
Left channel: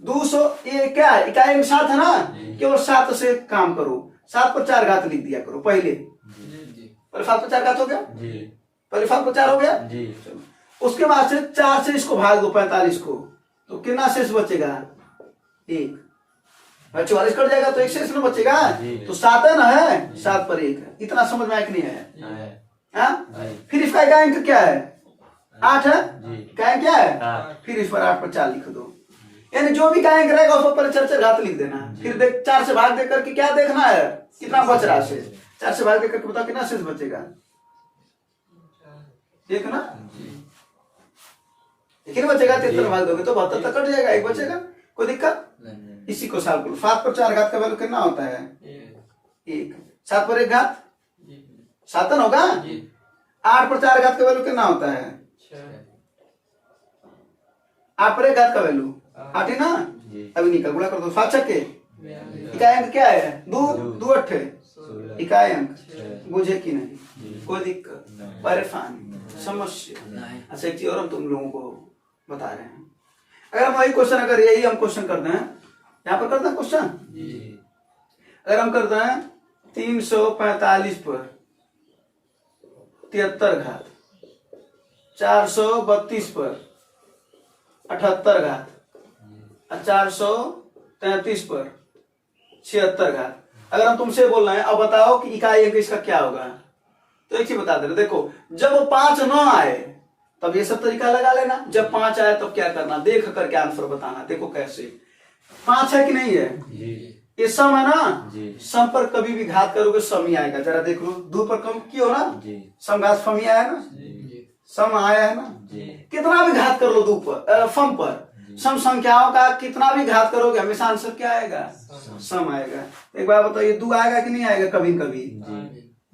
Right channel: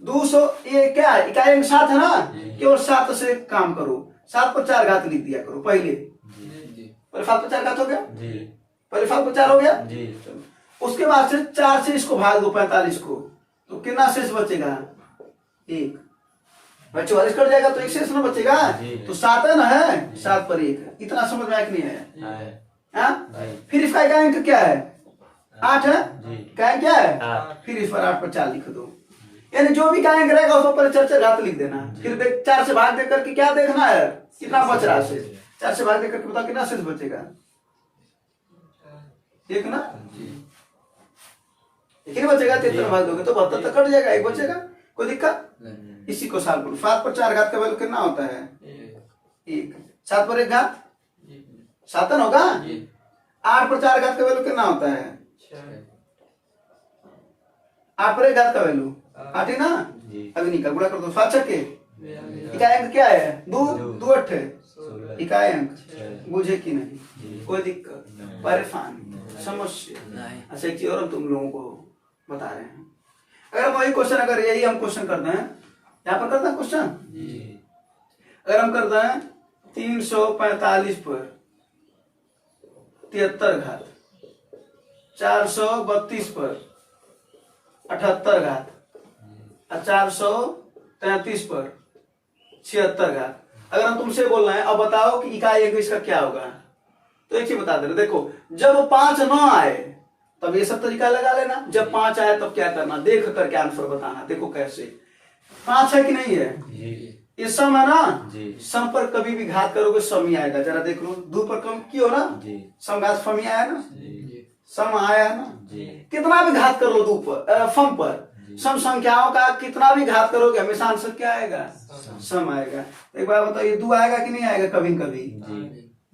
200 ये क्या है, इकाई अंक 7 है ना, केवल 7 से काम करो, 7 पर 4 घात लिख दिया करो पहले। पहले 7 पर 4 घात हो गया, पहले 7 पर 4 हो गया। उसके बाद से 4 से इसको भाग दो 45 को, तो कितना शेष बचेगा 1, भाई 44 कट जाएगा तो 1 शेष ना बचेगा, तो 7 है ना, है 7 पर 1, इतना समझ में आया कि नहीं है। फिर इसका इकाई अंक क्या है 8 है, इकाई अंक क्या है, फिर इस पर 8 पर 4 लिख दो, यानी जो भी इकाई अंक रहेगा उस पर 4 घात लिख देना। फिर देख 4 से भाग देकर के क्या देखना है कितना बच रहा है शेष, 4 से भाग देकर के बता कितना शेष बचेगा, एक ना, एक बचेगा, 73 भाग दोगे तो 72 तक कट जाएगा, 1 बचेगा, कोई दिक्कत। इसी को सॉल्व करो। 7 पर 4 घात का वैल्यू कितना होता है 1, 7 पर 1 घात 7 होगा। 8 पर 4 घात का वैल्यू कितना होता है 8 पर 1 घात का वैल्यू 8 है ना। अभी निकल गुणा कर दो, 7 छक्के, इकाई अंक क्या है 2 2 8 इकाई अंक, बुझे कि नहीं, कोई दिक्कत परेशानी समस्या। अच्छा एक चीज और हम तुम लोगों को बता रहे हैं, अगर वही क्वेश्चन अगर यही हम क्वेश्चन करते हैं, यहाँ पर करते हैं क्वेश्चन, अगर हम करते हैं 345 पर 73 घात, 432 पर 78 घात, 433 पर 76 घात, अगर हम तुमसे बोल रहे हैं अब बताओ कि इकाई अंक इसका क्या होगा, तो एक ही बता दे रहे, देखो जब 5 न आए तब ये सब तरीका लगा लेना, जब 5 आए तब क्या करना, देख करके आंसर बताना। देखो कैसे, 5 है कि नहीं है, ये सम है ना, सम पर कभी भी घात करोगे सम ही आएगा, जरा देख लो, 2 पर कम क्यों ना, सम घात फम ही आया ना, सम आया है ना, कितना भी घात कर लो 2 पर फम पर, सम संख्याओं का कितना भी घात करोगे हमेशा आंसर क्या आएगा सम आएगा। एक बार बताइए 2 आएगा कि नहीं आएगा, कभी कभी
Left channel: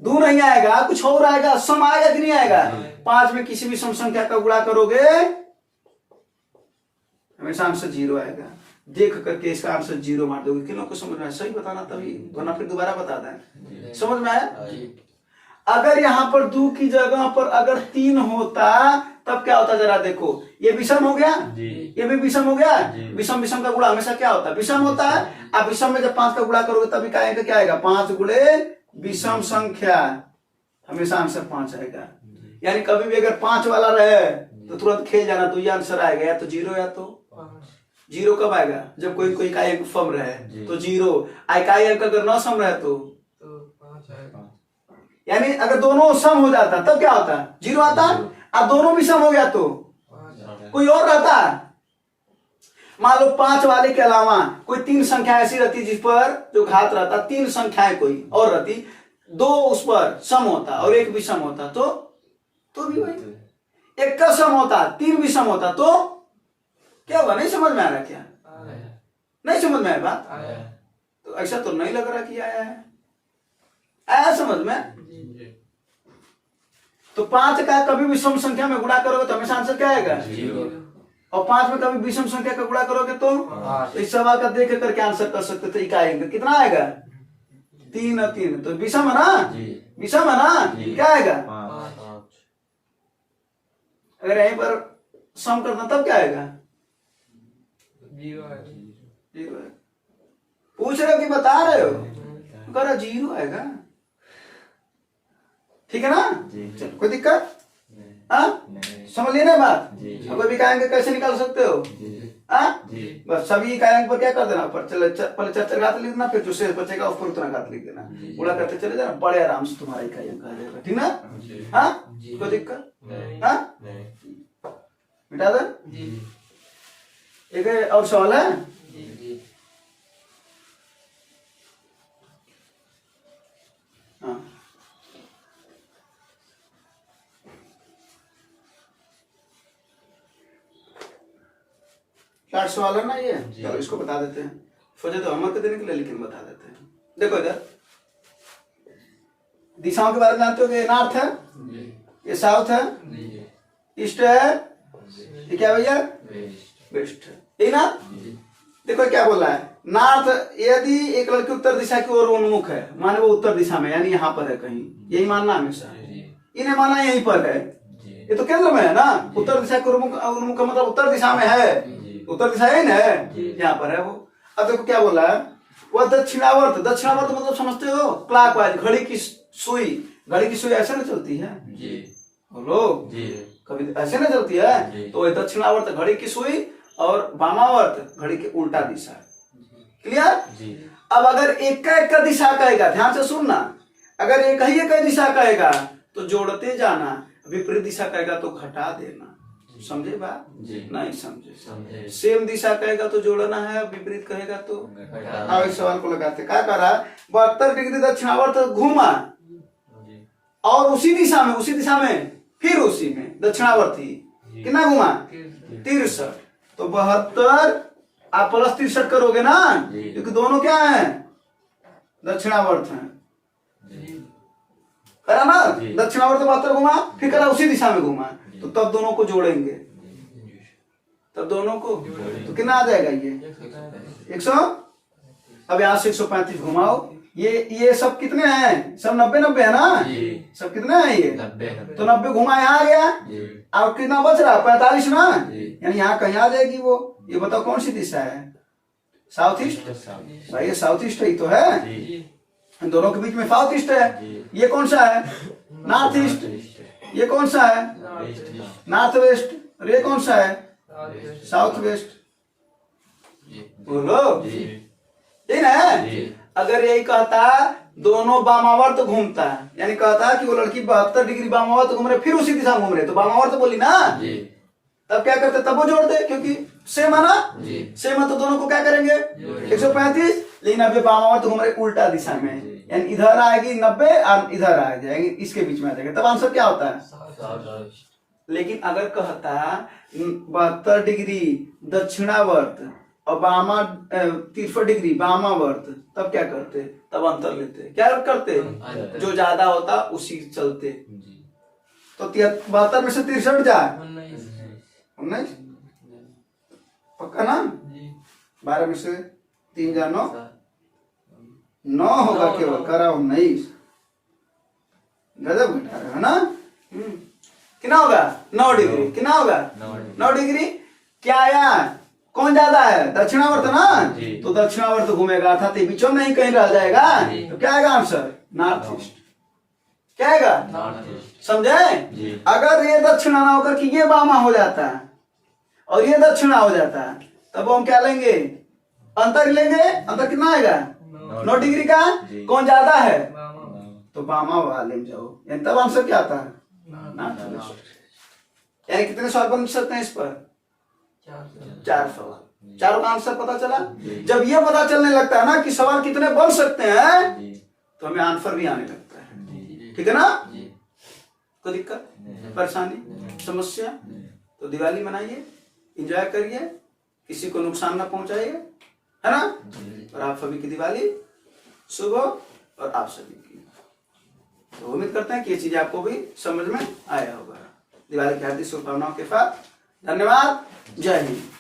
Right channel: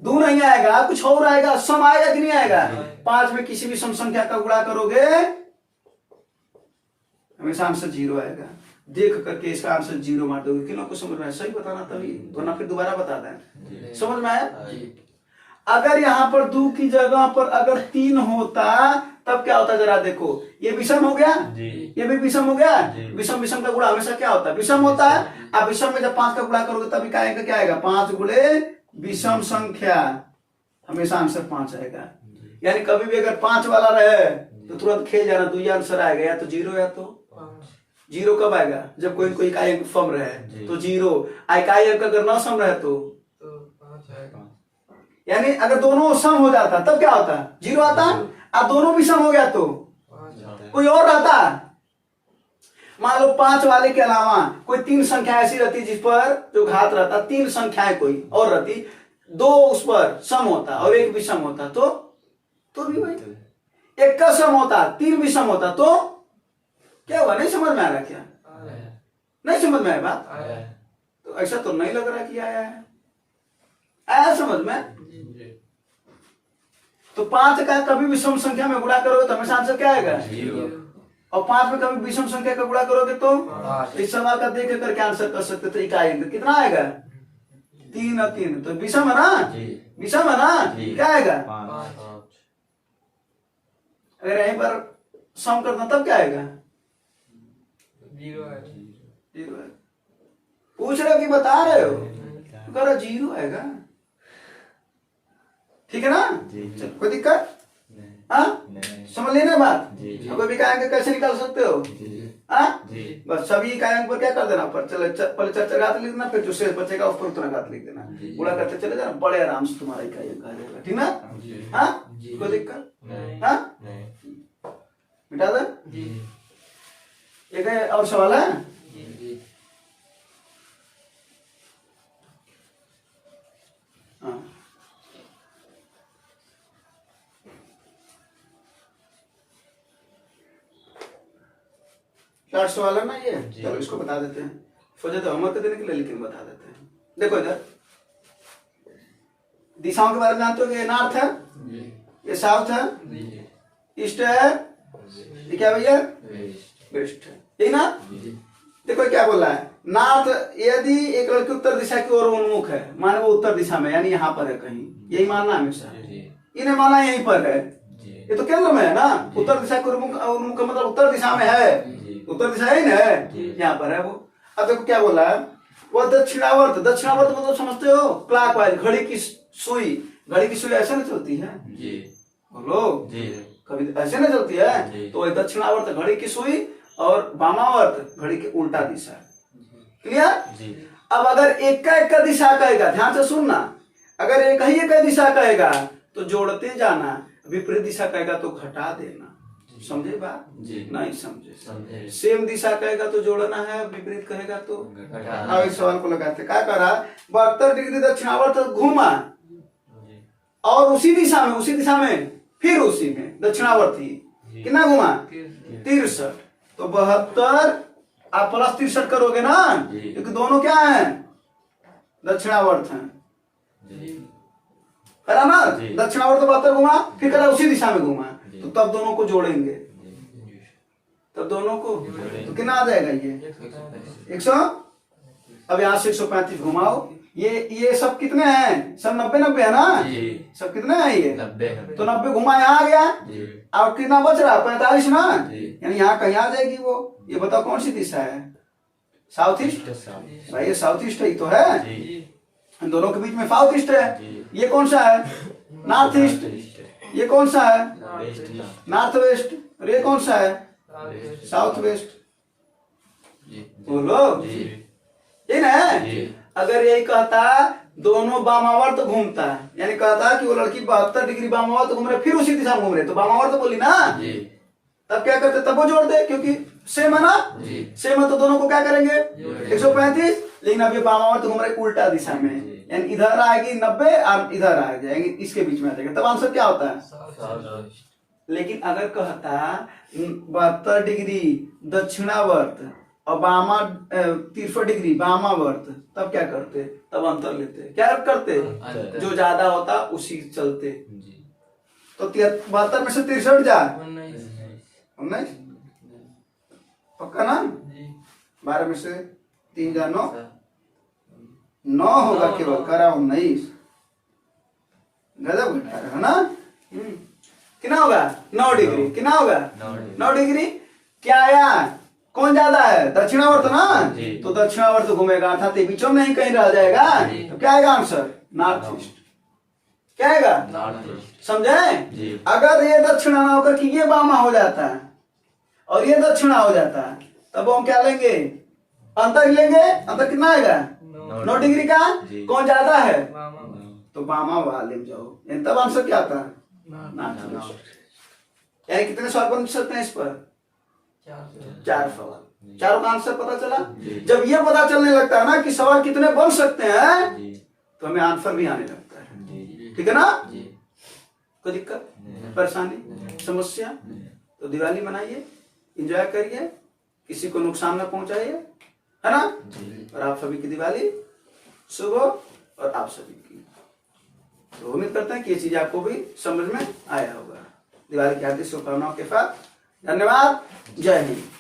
2 नहीं आएगा, कुछ और आएगा, सम आएगा कि नहीं आएगा। 5 में किसी भी सम संख्या का गुणा करोगे हमेशा आंसर 0 आएगा, देख करके इसका आंसर 0 मार दोगे। किन को समझ में आया सही बताना, तभी वरना फिर दोबारा बताता है। समझ में आया। अगर यहाँ पर 2 की जगह पर अगर 3 होता तब क्या होता, जरा देखो, ये विषम हो गया, ये भी विषम हो गया, विषम विषम का गुणा हमेशा क्या होता है विषम होता है। अब विषम में जब 5 का गुणा करोगे तब इकाई अंक क्या आएगा 5 गुणे विषम संख्या, हमेशा आंसर 5 आएगा। यानी कभी भी अगर 5 वाला रहे तो तुरंत खेल जाना, तो ये आंसर आएगा, या तो 0 या तो 0 कब आएगा, जब कोई कोई इकाई अंक सम रहे तो 0, इकाई अंक अगर न सम रहे तो 5 आएगा। यानी अगर दोनों सम हो जाता तब क्या होता 0 आता, अब दोनों भी सम हो गया तो कोई और रहता। मान लो 5 वाले के अलावा कोई 3 संख्या ऐसी रहती जिस पर जो घात रहता, 3 संख्याएं कोई और रहती, 2 उस पर सम होता और 1 भी सम होता तो भी वही, 1 का सम होता 3 भी सम होता तो क्या हुआ, नहीं समझ में आ रहा क्या, नहीं समझ में आया बात, तो ऐसा तो नहीं लग रहा कि आया है, आया समझ में। तो 5 का कभी विषम संख्या में गुणा करोगे तो हमेशा आंसर क्या आएगा 0, और 5 में कभी विषम संख्या का गुणा करोगे तो इस सवाल का देख करके आंसर कर सकते थे। इकाई अंक कितना आएगा 3 और 3, तो विषम है ना, विषम है ना, क्या आएगा। अगर यहीं पर सम करना तब क्या आएगा 0 है। पूछ रहे हो कि बता रहे हो, करो 0 आएगा, ठीक है ना। चलो कोई दिक्कत, समझ लेना बात। अब कोई भी इकाई अंक कैसे निकाल सकते हो, बस सभी इकाई अंक पर क्या कर देना, पर चले पहले 4 घात लिख देना, फिर जो शेष बचेगा उस पर उतना घात लिख देना, गुणा करते चले जाना, बड़े आराम से तुम्हारा इकाई अंक आ जाएगा, ठीक ना। हाँ कोई दिक्कत, हाँ मिटा दे। एक और सवाल है, हाँ लास्ट सवाल है ना ये, चलो इसको बता देते हैं, सोचे तो होमवर्क देने के लिए लेकिन बता देते हैं। देखो इधर दिशाओं के बारे में जानते हो कि ये नॉर्थ है, ये साउथ है, ईस्ट है, ये क्या भैया वेस्ट है, ठीक ना। देखो क्या बोल रहा है, नॉर्थ यदि एक लड़की उत्तर दिशा की ओर उन्मुख है, माने वो उत्तर दिशा में यानी यहाँ पर है कहीं, यही मानना हमेशा, इन्हें माना यहीं पर है, ये तो केंद्र में है ना, उत्तर दिशा के उन्मुख मतलब उत्तर दिशा में है, उत्तर दिशा ही है, यहाँ पर है वो। अब देखो क्या बोला है, वह दक्षिणावर्त, दक्षिणावर्त मतलब समझते हो क्लॉकवाइज, घड़ी की सुई ऐसे नहीं चलती है बोलो, कभी ऐसे नहीं चलती है, तो वही दक्षिणावर्त घड़ी की सुई और वामावर्त घड़ी की उल्टा दिशा है, क्लियर। अब अगर एक का दिशा कहेगा, ध्यान से सुनना, अगर एक ही दिशा कहेगा तो जोड़ते जाना, विपरीत दिशा कहेगा तो घटा देना, समझे बात, नहीं समझे, सेम दिशा कहेगा तो जोड़ना है, विपरीत कहेगा तो। अब इस सवाल को लगाते, क्या करा, 72 डिग्री दक्षिणावर्त घूमा और उसी दिशा में फिर उसी में दक्षिणावर्ती कितना घुमा 63, तो 72 आप प्लस 63 करोगे ना, क्योंकि दोनों क्या है दक्षिणावर्त हैं, करा ना, दक्षिणावर्त 72 घुमा, फिर करा उसी दिशा में घुमा, तो तब दोनों को जोड़ेंगे, तब दोनों को तो कितना आ जाएगा ये 100। अब यहाँ से 135 घुमाओ, ये सब कितने हैं, सब 90 है ना, सब कितने हैं ये 90, तो 90 घुमा यहाँ आ गया, और कितना बच रहा 45 ना, यानी यहाँ कहीं आ जाएगी वो। ये बताओ कौन सी दिशा है, साउथ ईस्ट, भाई ये साउथ ईस्ट ही तो है, इन दोनों के बीच में साउथ ईस्ट है, ये कौन सा है नॉर्थ ईस्ट, ये कौन सा है नॉर्थ वेस्ट, और ये कौन सा है साउथ वेस्ट, बोलो ठीक है। अगर यही कहता दोनों वामावर्त घूमता है, यानी कहता कि वो लड़की 72 डिग्री वामावर्त घूम रहे, फिर उसी दिशा में घूम रहे, तो वामावर्त बोली ना, तब क्या करते, तब वो जोड़ दे, क्योंकि सेम है ना, सेम है तो दोनों को क्या करेंगे 135, लेकिन अब ये वामावर्त घूम रहे उल्टा दिशा में, यानी इधर आएगी 90 और इधर आ जाएंगे, इसके बीच में आ जाएगा, तब आंसर क्या होता है। लेकिन अगर कहता 72 डिग्री दक्षिणावर्त और 63 डिग्री वामावर्त, तब क्या करते, तब अंतर लेते, क्या करते, जो ज्यादा होता उसी चलते, तो 72 में से 63 जाए 19, पक्का ना, 12 में से 3 जा 9 होगा केवल, करा 19, गजब घटा है ना, कितना होगा 9 डिग्री, कितना होगा 9 डिग्री, क्या आया, कौन ज्यादा है दक्षिणावर्त ना, तो दक्षिणावर्त घूमेगा, अर्थात बीचों में ही कहीं रह जाएगा, तो क्या आएगा आंसर नॉर्थ ईस्ट, क्या आएगा, समझे। अगर ये दक्षिणा ना होकर कि ये वामा हो जाता है और ये दक्षिणा हो जाता है, तब हम क्या लेंगे, अंतर लेंगे, अंतर कितना आएगा 9 डिग्री का, कौन ज्यादा है तो वामा वाले जाओ, तब आंसर क्या आता है नॉर्थ ईस्ट। यानी कितने सवाल बन सकते हैं इस पर, 4 सवाल, चारों का आंसर पता चला। जब ये पता चलने लगता है ना कि सवाल कितने बन सकते हैं, तो हमें आंसर भी आने लगता है, ठीक है ना। कोई दिक्कत परेशानी समस्या, तो दिवाली मनाइए, एंजॉय करिए, किसी को नुकसान न पहुंचाइए, है ना, और आप सभी की दिवाली शुभ हो, और आप सभी की, तो उम्मीद करते हैं कि ये चीज आपको भी समझ में आया होगा। दिवाली की हार्दिक शुभकामनाओं के साथ धन्यवाद, जय हिंद।